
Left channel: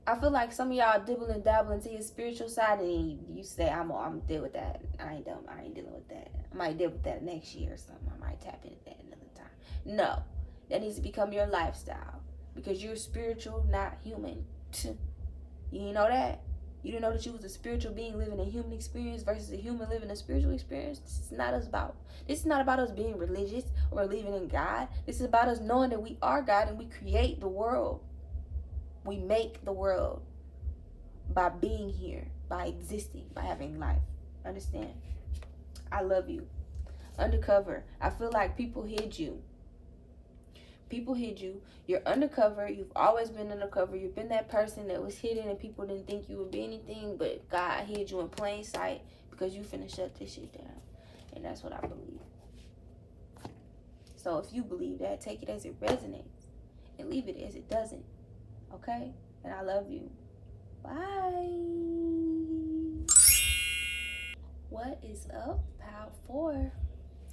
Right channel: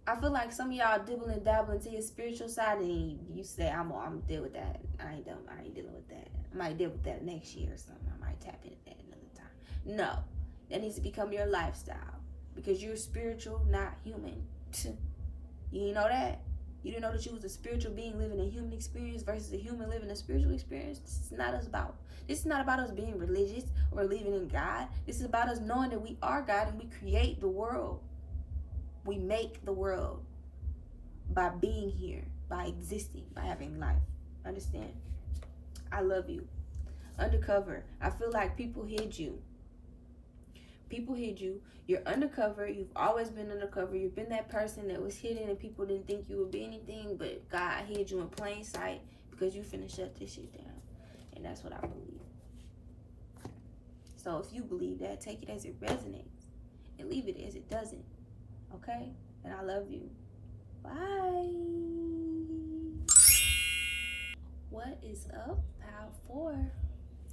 I feel like some of y'all dibble and dabble into your spiritual side, and you say, I'm deal with that. I ain't dealing with that. I might deal with that next year or something. I might tap into that another time. No. That needs to become your lifestyle. Because you're spiritual, not human. You know that? You didn't know that you was a spiritual being living a human experience versus a human living a spiritual experience? This is not about us being religious or believing in God. This is about us knowing that we are God and we create the world. We make the world by being here, by existing, by having life. Understand? I love you. Undercover. I feel like people hid you. People hid you. You're undercover. You've always been undercover. You've been that person that was hidden and people didn't think you would be anything, but God hid you in plain sight because you finna shut this shit down. And that's what I believe. So if you believe that, take it as it resonates and leave it as it doesn't. Okay? And I love you. Bye. What is up, Pal 4?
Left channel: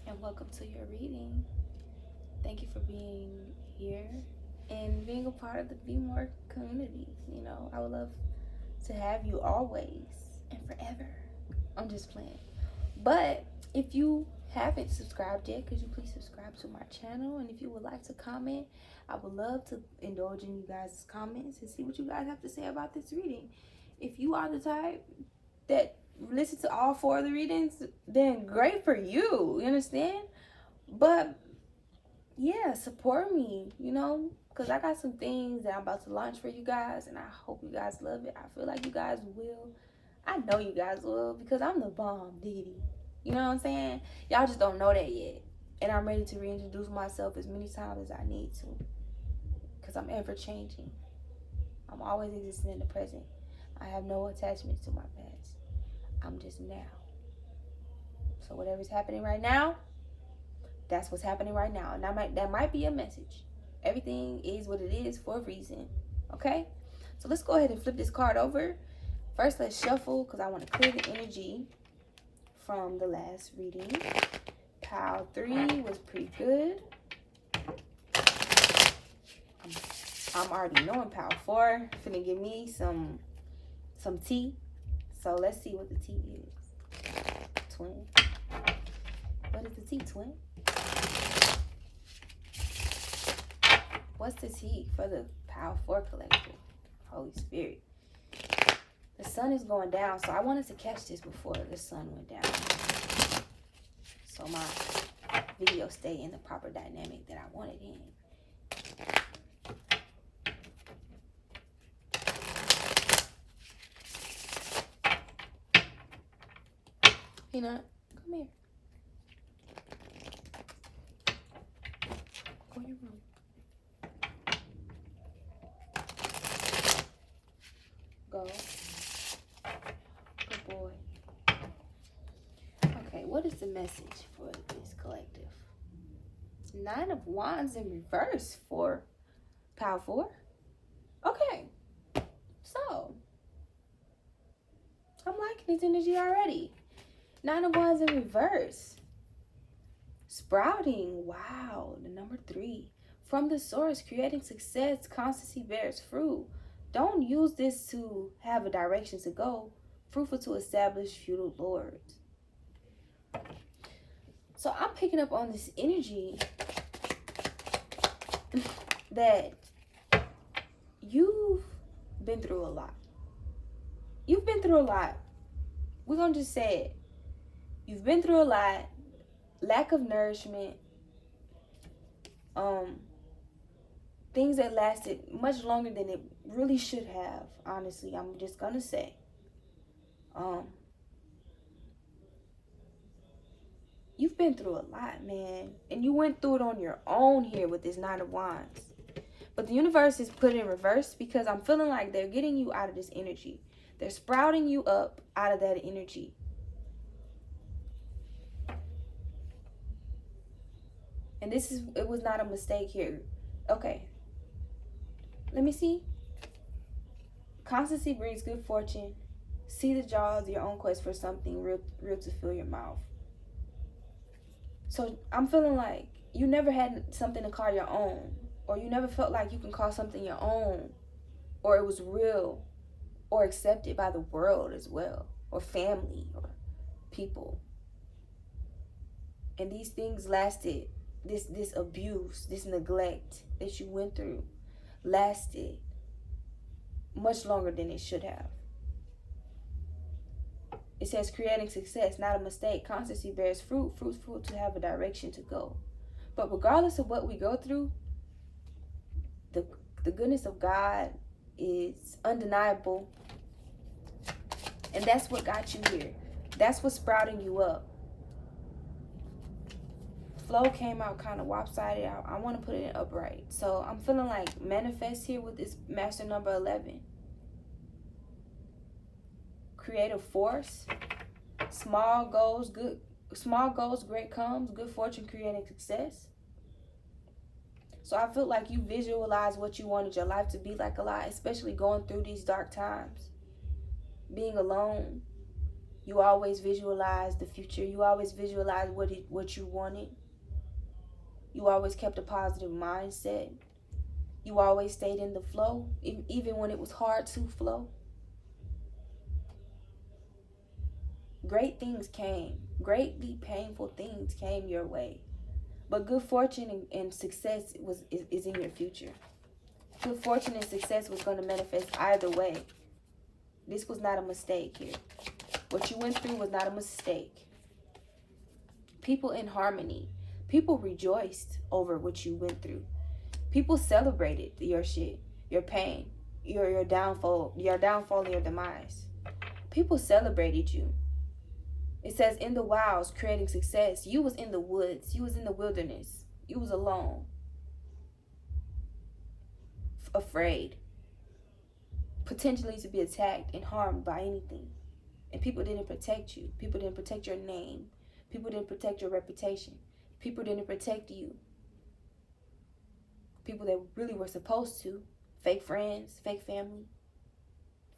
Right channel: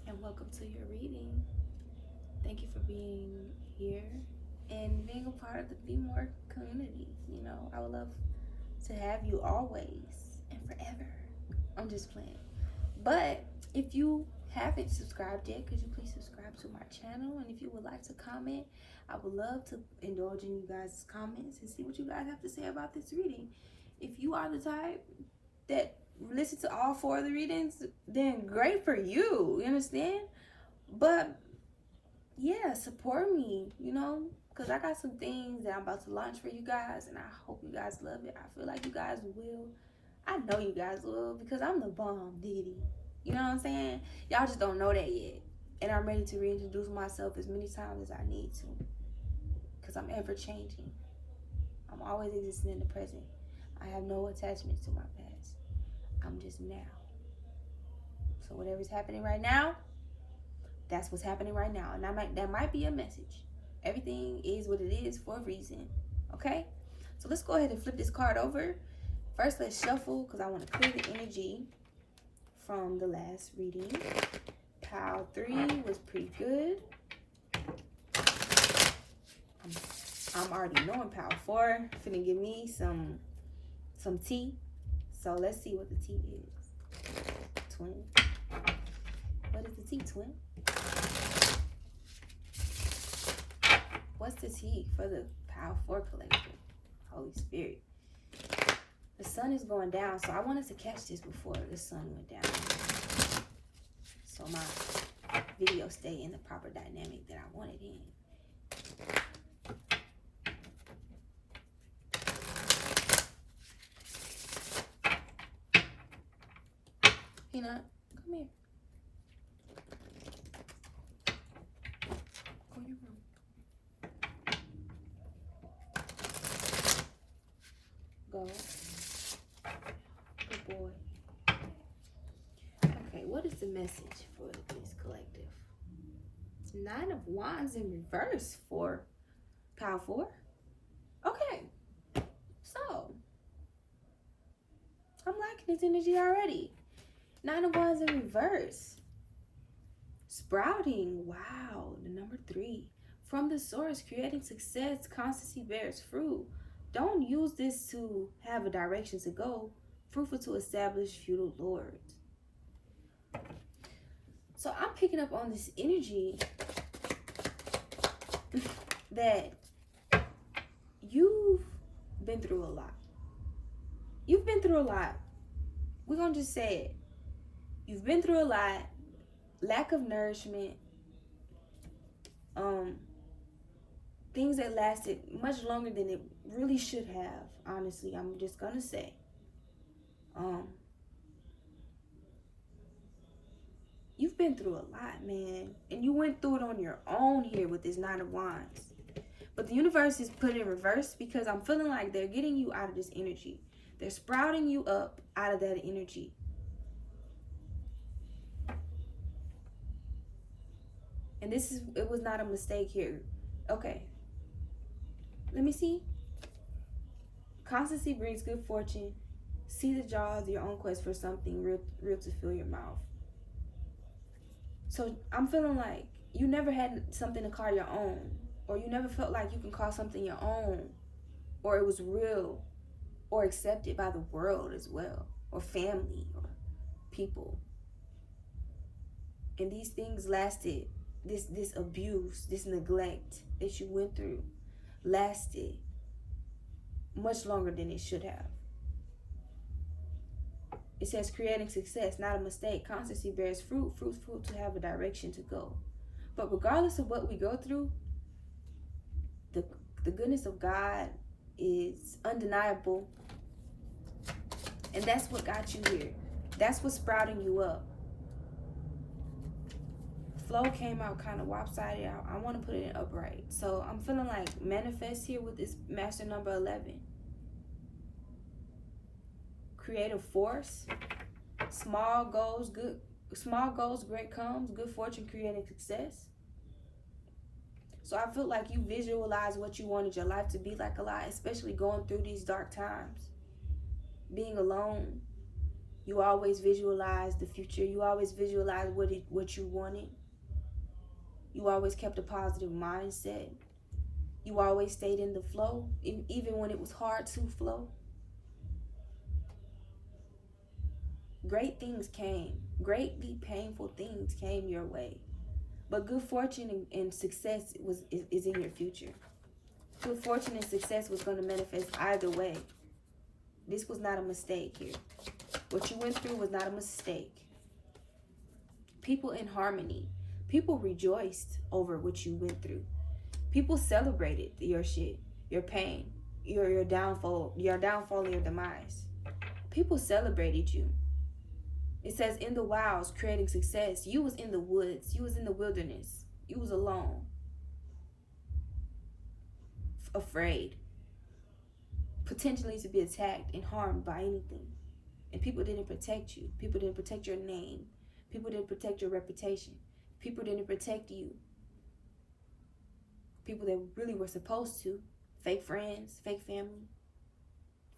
And welcome to your reading. Thank you for being here and being a part of the BMORE community. You know, I would love to have you always and forever. I'm just playing. But if you haven't subscribed yet, could you please subscribe to my channel? And if you would like to comment, I would love to indulge in you guys' comments and see what you guys have to say about this reading. If you are the type that listen to all 4 of the readings, then great for you. You understand? But yeah, support me, you know, because I got some things that I'm about to launch for you guys, and I hope you guys love it. I feel like you guys will. I know you guys will, because I'm the bomb, diggity. You know what I'm saying? Y'all just don't know that yet. And I'm ready to reintroduce myself as many times as I need to, because I'm ever changing. I'm always existing in the present. I have no attachments to my past. I'm just now. So whatever's happening right now, that's what's happening right now. And that might be a message. Everything is what it is for a reason. Okay? So let's go ahead and flip this card over. First, let's shuffle, because I want to clear the energy from the last reading. Pile 3 was pretty good. I'm already knowing Pile 4 finna give me some tea. So let's see what the tea is. Twin. What is the tea, twin? What's the tea for the Pile 4 collective? Holy Spirit. The sun is going down, so I wanted to catch this before the sun went down, so my video stay in the proper dynamic that I wanted in. Peanut, come here. Go in your room. Go. Good boy. Okay, what is the message for this collective? 9 of Wands in reverse for Pile 4. Okay. So, I'm liking this energy already. 9 of Wands in reverse. Sprouting. Wow. The number 3. From the source, creating success, constancy bears fruit. Don't use this to have a direction to go. Fruitful to establish feudal lords. So I'm picking up on this energy that you've been through a lot. You've been through a lot. We're going to just say it. You've been through a lot. Lack of nourishment. Things that lasted much longer than it really should have. Honestly, I'm just going to say. You've been through a lot, man. And you went through it on your own here with this 9 of Wands. But the universe is put in reverse because I'm feeling like they're getting you out of this energy. They're sprouting you up out of that energy. And it was not a mistake here. Okay. Let me see. Constancy brings good fortune. See the jaws of your own quest for something real to fill your mouth. So I'm feeling like you never had something to call your own, or you never felt like you can call something your own, or it was real or accepted by the world as well, or family or people. And these things lasted, this abuse, this neglect that you went through lasted much longer than it should have. It says creating success, not a mistake. Constancy bears fruit, fruitful to have a direction to go. But regardless of what we go through, the goodness of God is undeniable. And that's what got you here. That's what's sprouting you up. Flow came out kind of lopsided. I want to put it in upright. So I'm feeling like manifest here with this master number 11. Creative force, small goals, Small goals, great comes. Good fortune creating success. So I feel like you visualize what you wanted your life to be like a lot, especially going through these dark times. Being alone, you always visualize the future. You always visualize what you wanted. You always kept a positive mindset. You always stayed in the flow, even when it was hard to flow. Great things came. Greatly painful things came your way. But good fortune and success is in your future. Good fortune and success was going to manifest either way. This was not a mistake here. What you went through was not a mistake. People in harmony. People rejoiced over what you went through. People celebrated your shit, your pain, your downfall, your demise. People celebrated you. It says in the wilds, creating success. You was in the woods. You was in the wilderness. You was alone. Afraid. Potentially to be attacked and harmed by anything. And people didn't protect you. People didn't protect your name. People didn't protect your reputation. People didn't protect you. People that really were supposed to. Fake friends, fake family,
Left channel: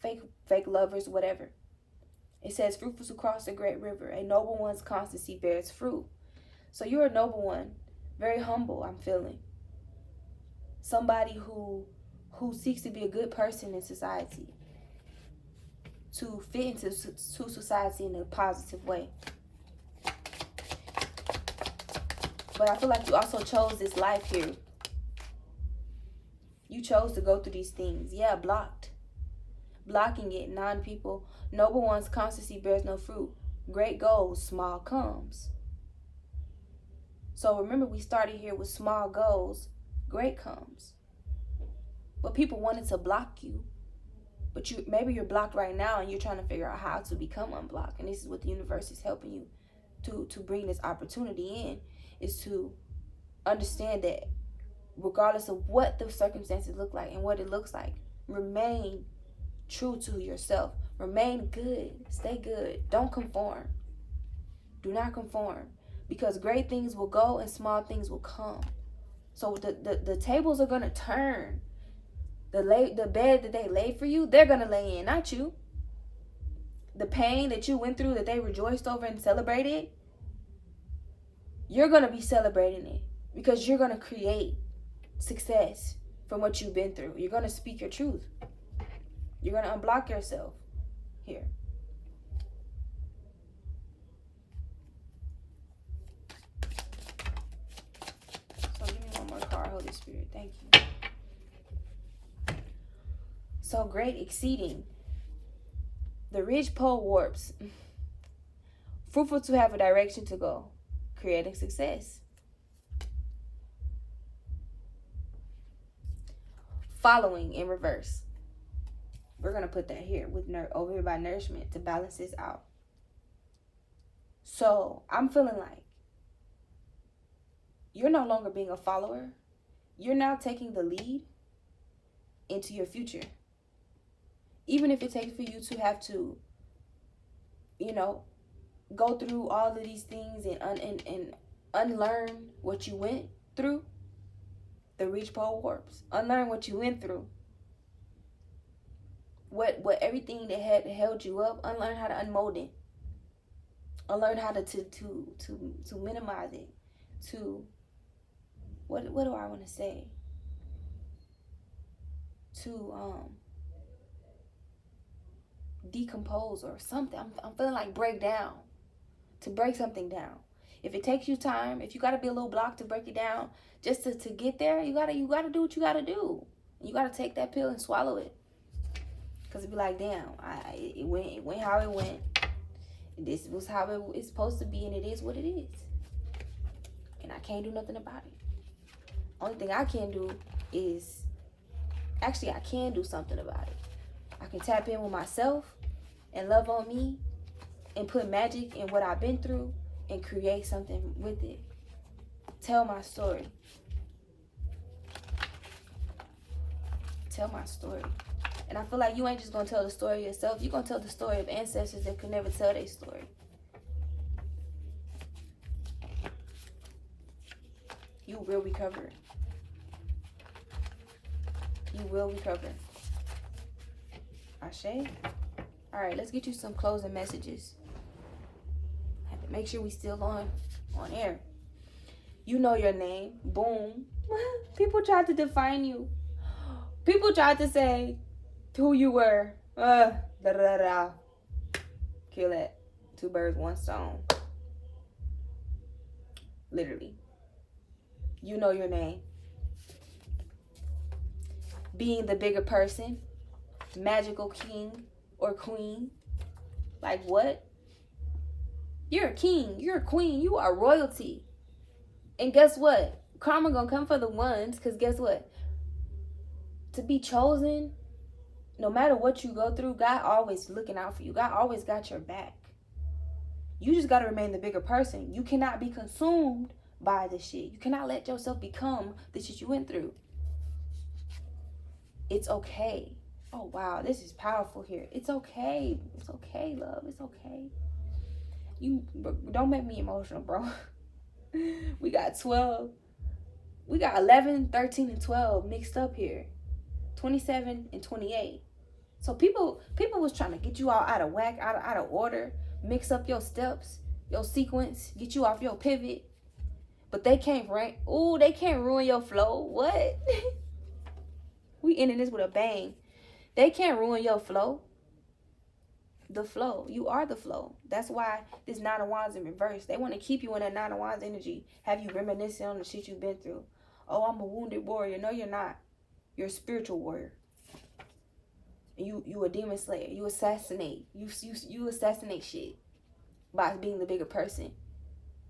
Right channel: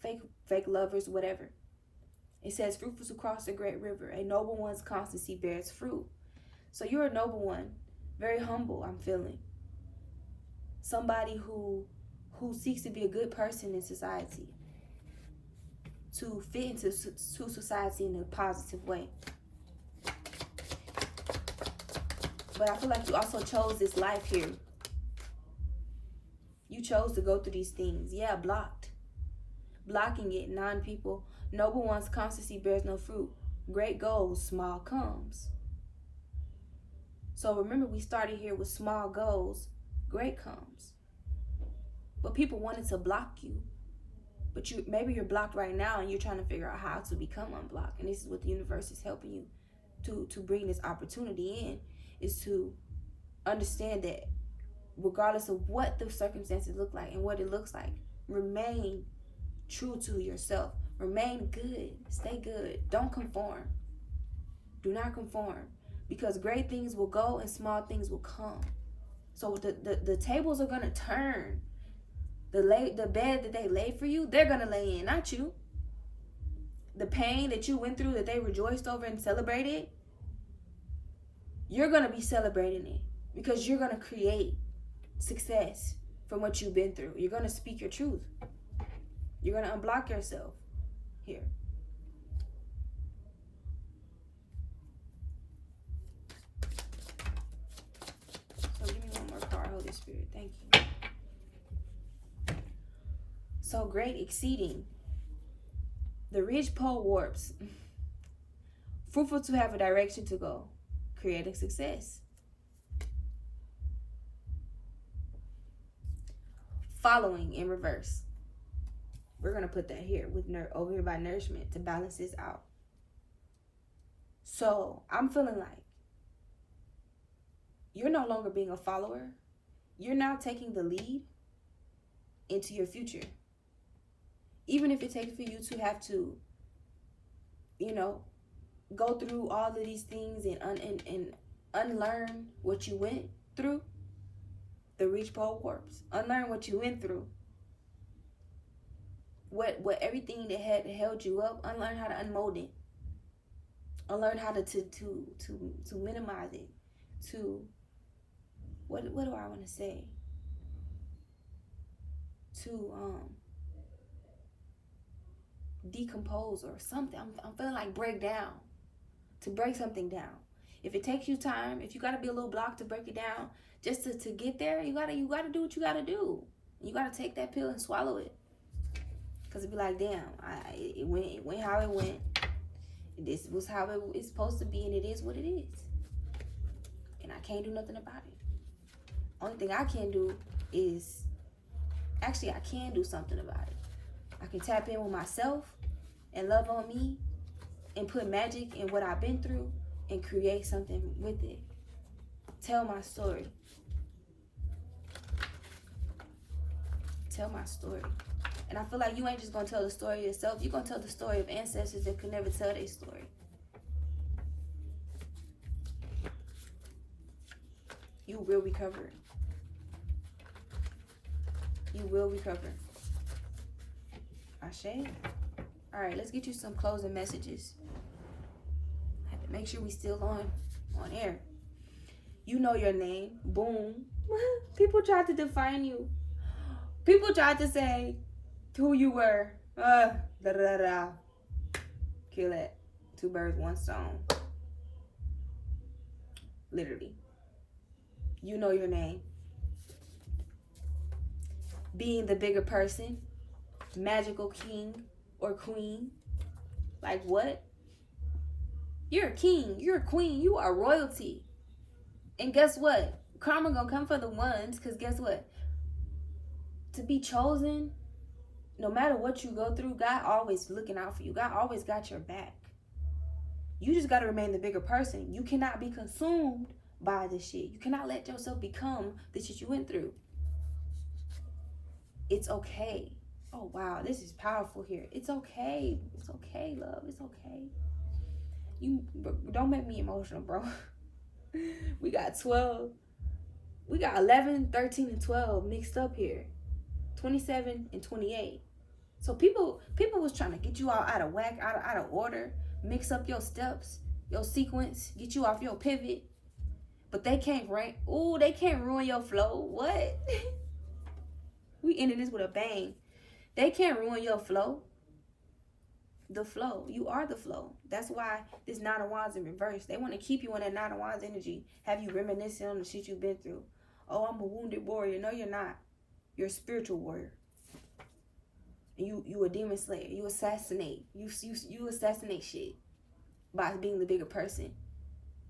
fake lovers, whatever. It says, fruitful to cross the great river. A noble one's constancy bears fruit. So you're a noble one. Very humble, I'm feeling. Somebody who seeks to be a good person in society. To fit into society in a positive way. But I feel like you also chose this life here. You chose to go through these things. Yeah, blocked. Blocking it, non-people. Noble one's constancy bears no fruit. Great goals, small comes. So remember, we started here with small goals, great comes. But people wanted to block you. But maybe you're blocked right now and you're trying to figure out how to become unblocked. And this is what the universe is helping you to bring this opportunity in, is to understand that regardless of what the circumstances look like and what it looks like, remain true to yourself. Remain good. Stay good. Don't conform. Do not conform. Because great things will go and small things will come. So the tables are going to turn. The bed that they laid for you, they're going to lay in, not you. The pain that you went through that they rejoiced over and celebrated, you're going to be celebrating it. Because you're going to create success from what you've been through. You're going to speak your truth. You're going to unblock yourself here. So give me one more card, Holy Spirit. Thank you. So great exceeding. The ridge pole warps. Fruitful to have a direction to go. Creating success. Following in reverse. We're going to put that here with over here by nourishment to balance this out. So I'm feeling like you're no longer being a follower. You're now taking the lead into your future. Even if it takes for you to have to, go through all of these things and unlearn what you went through. The reach pole warps. Unlearn what you went through. What everything that had held you up, unlearn how to unmold it. Unlearn how to minimize it. To what do I want to say? To decompose or something. I'm feeling like break down. To break something down. If it takes you time, if you gotta be a little blocked to break it down, just to get there, you gotta do what you gotta do. You gotta take that pill and swallow it. Cause it'd be like, damn, it went how it went. This was how it's supposed to be, and it is what it is. And I can't do nothing about it. Only thing I can do is, actually I can do something about it. I can tap in with myself and love on me and put magic in what I've been through and create something with it. Tell my story. Tell my story. And I feel like you ain't just going to tell the story of yourself. You're going to tell the story of ancestors that could never tell their story. You will recover. You will recover. Ashe. All right, let's get you some closing messages. Make sure we still on air. You know your name. Boom. People tried to define you. People tried to say who you were. Da da da. Kill that. 2 birds, 1 stone. Literally. You know your name. Being the bigger person. Magical king or queen. Like what? You're a king. You're a queen. You are royalty. And guess what? Karma gonna come for the ones. Because guess what? To be chosen, no matter what you go through, God always looking out for you. God always got your back. You just got to remain the bigger person. You cannot be consumed by this shit. You cannot let yourself become the shit you went through. It's okay. Oh, wow. This is powerful here. It's okay. It's okay, love. It's okay. You don't make me emotional, bro. We got 12. We got 11, 13, and 12 mixed up here. 27 and 28. So people was trying to get you all out of whack, out of order, mix up your steps, your sequence, get you off your pivot. But they can't they can't ruin your flow. What? We ending this with a bang. They can't ruin your flow. The flow. You are the flow. That's why this 9 of Wands in reverse. They want to keep you in that 9 of Wands energy. Have you reminiscing on the shit you've been through. Oh, I'm a wounded warrior. No, you're not. You're a spiritual warrior. You a demon slayer. You assassinate. You assassinate shit by being the bigger person.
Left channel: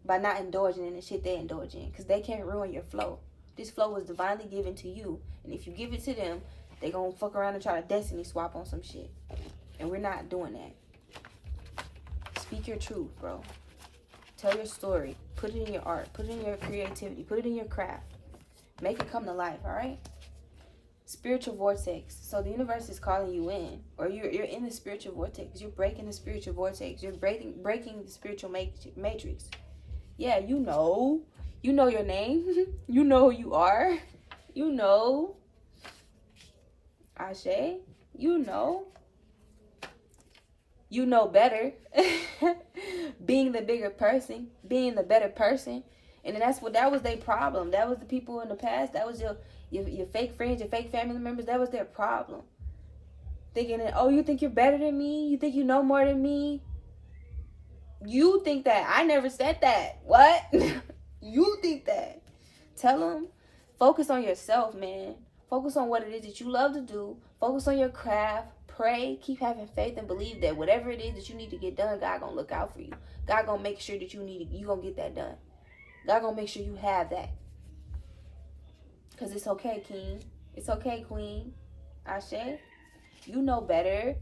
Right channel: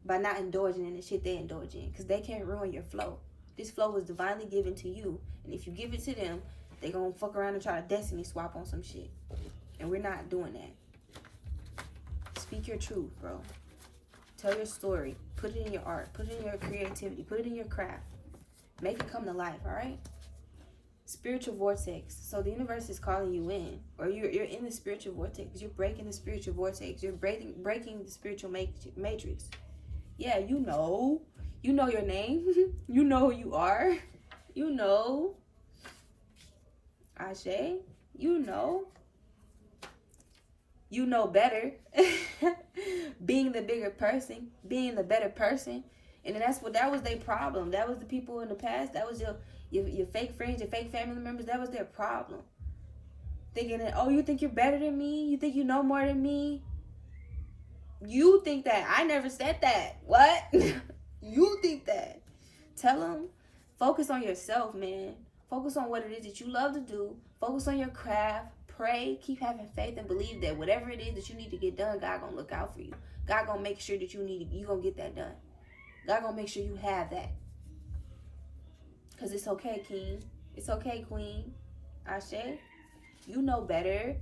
By not indulging in the shit they indulge in. Because they can't ruin your flow. This flow was divinely given to you. And if you give it to them, they gonna fuck around and try to destiny swap on some shit. And we're not doing that. Speak your truth, bro. Tell your story. Put it in your art. Put it in your creativity. Put it in your craft. Make it come to life, alright? Spiritual vortex. So the universe is calling you in, or you're in the spiritual vortex. You're breaking the spiritual vortex. You're breaking the spiritual matrix. Yeah, you know your name. You know who you are. You know. Ashe. You know better. Being the bigger person, being the better person, and then that was their problem. That was the people in the past. That was your fake friends, your fake family members. That was their problem. Thinking that, oh, you think you're better than me? You think you know more than me? You think that. I never said that. What? You think that. Tell them, focus on yourself, man. Focus on what it is that you love to do. Focus on your craft. Pray. Keep having faith and believe that whatever it is that you need to get done, God gonna look out for you. God gonna make sure that you gonna get that done. God gonna make sure you have that. Because it's okay, king. It's okay, queen. Ashe. You know better.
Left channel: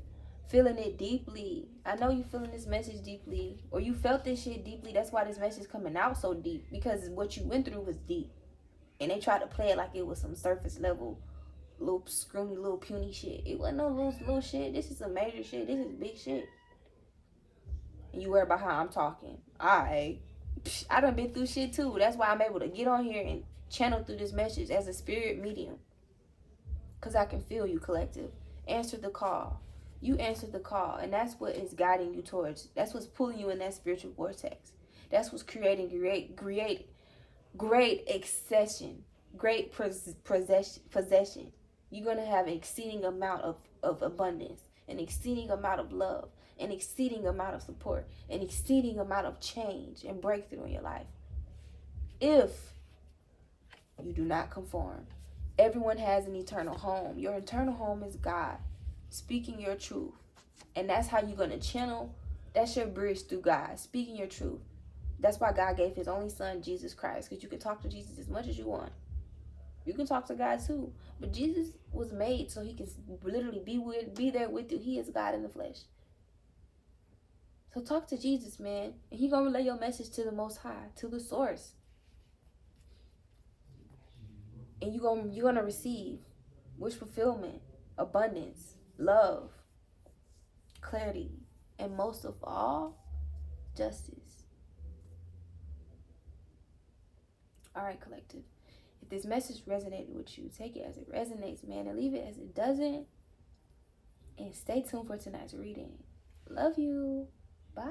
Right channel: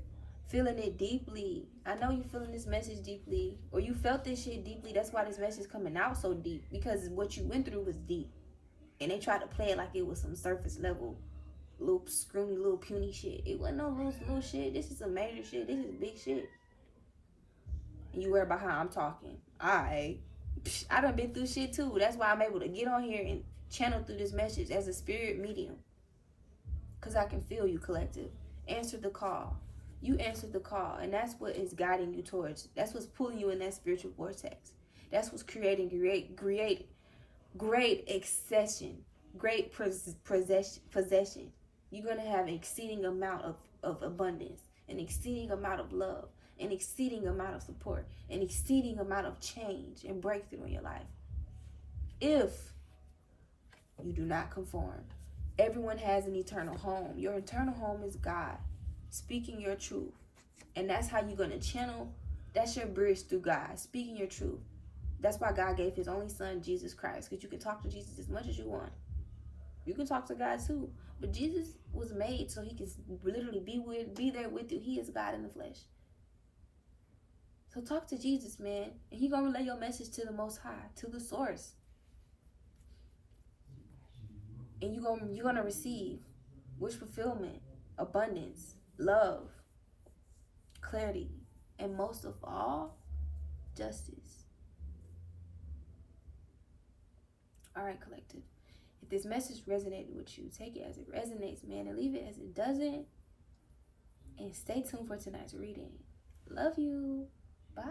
Feeling it deeply. I know you feeling this message deeply. Or you felt this shit deeply. That's why this message coming out so deep. Because what you went through was deep. And they tried to play it like it was some surface level, little screamy, little puny shit. It wasn't no little shit. This is some major shit. This is big shit. And you worry about how I'm talking. I done been through shit too. That's why I'm able to get on here and channel through this message as a spirit medium. Because I can feel you, collective. Answer the call. You answered the call. And that's what is guiding you towards. That's what's pulling you in that spiritual vortex. That's what's creating great accession. Great possession. You're going to have an exceeding amount of abundance. An exceeding amount of love. An exceeding amount of support. An exceeding amount of change and breakthrough in your life. If you do not conform. Everyone has an eternal home. Your eternal home is God. Speaking your truth. And that's how you're going to channel. That's your bridge through God. Speaking your truth. That's why God gave his only son, Jesus Christ. Because you can talk to Jesus as much as you want. You can talk to God too. But Jesus was made so he can literally be there with you. He is God in the flesh. So talk to Jesus, man. And he going to relay your message to the Most High. To the source. And you're gonna receive wish fulfillment, abundance, love, clarity, and most of all, justice. All right, collective. If this message resonated with you, take it as it resonates, man, and leave it as it doesn't. And stay tuned for tonight's reading. Love you. Bye.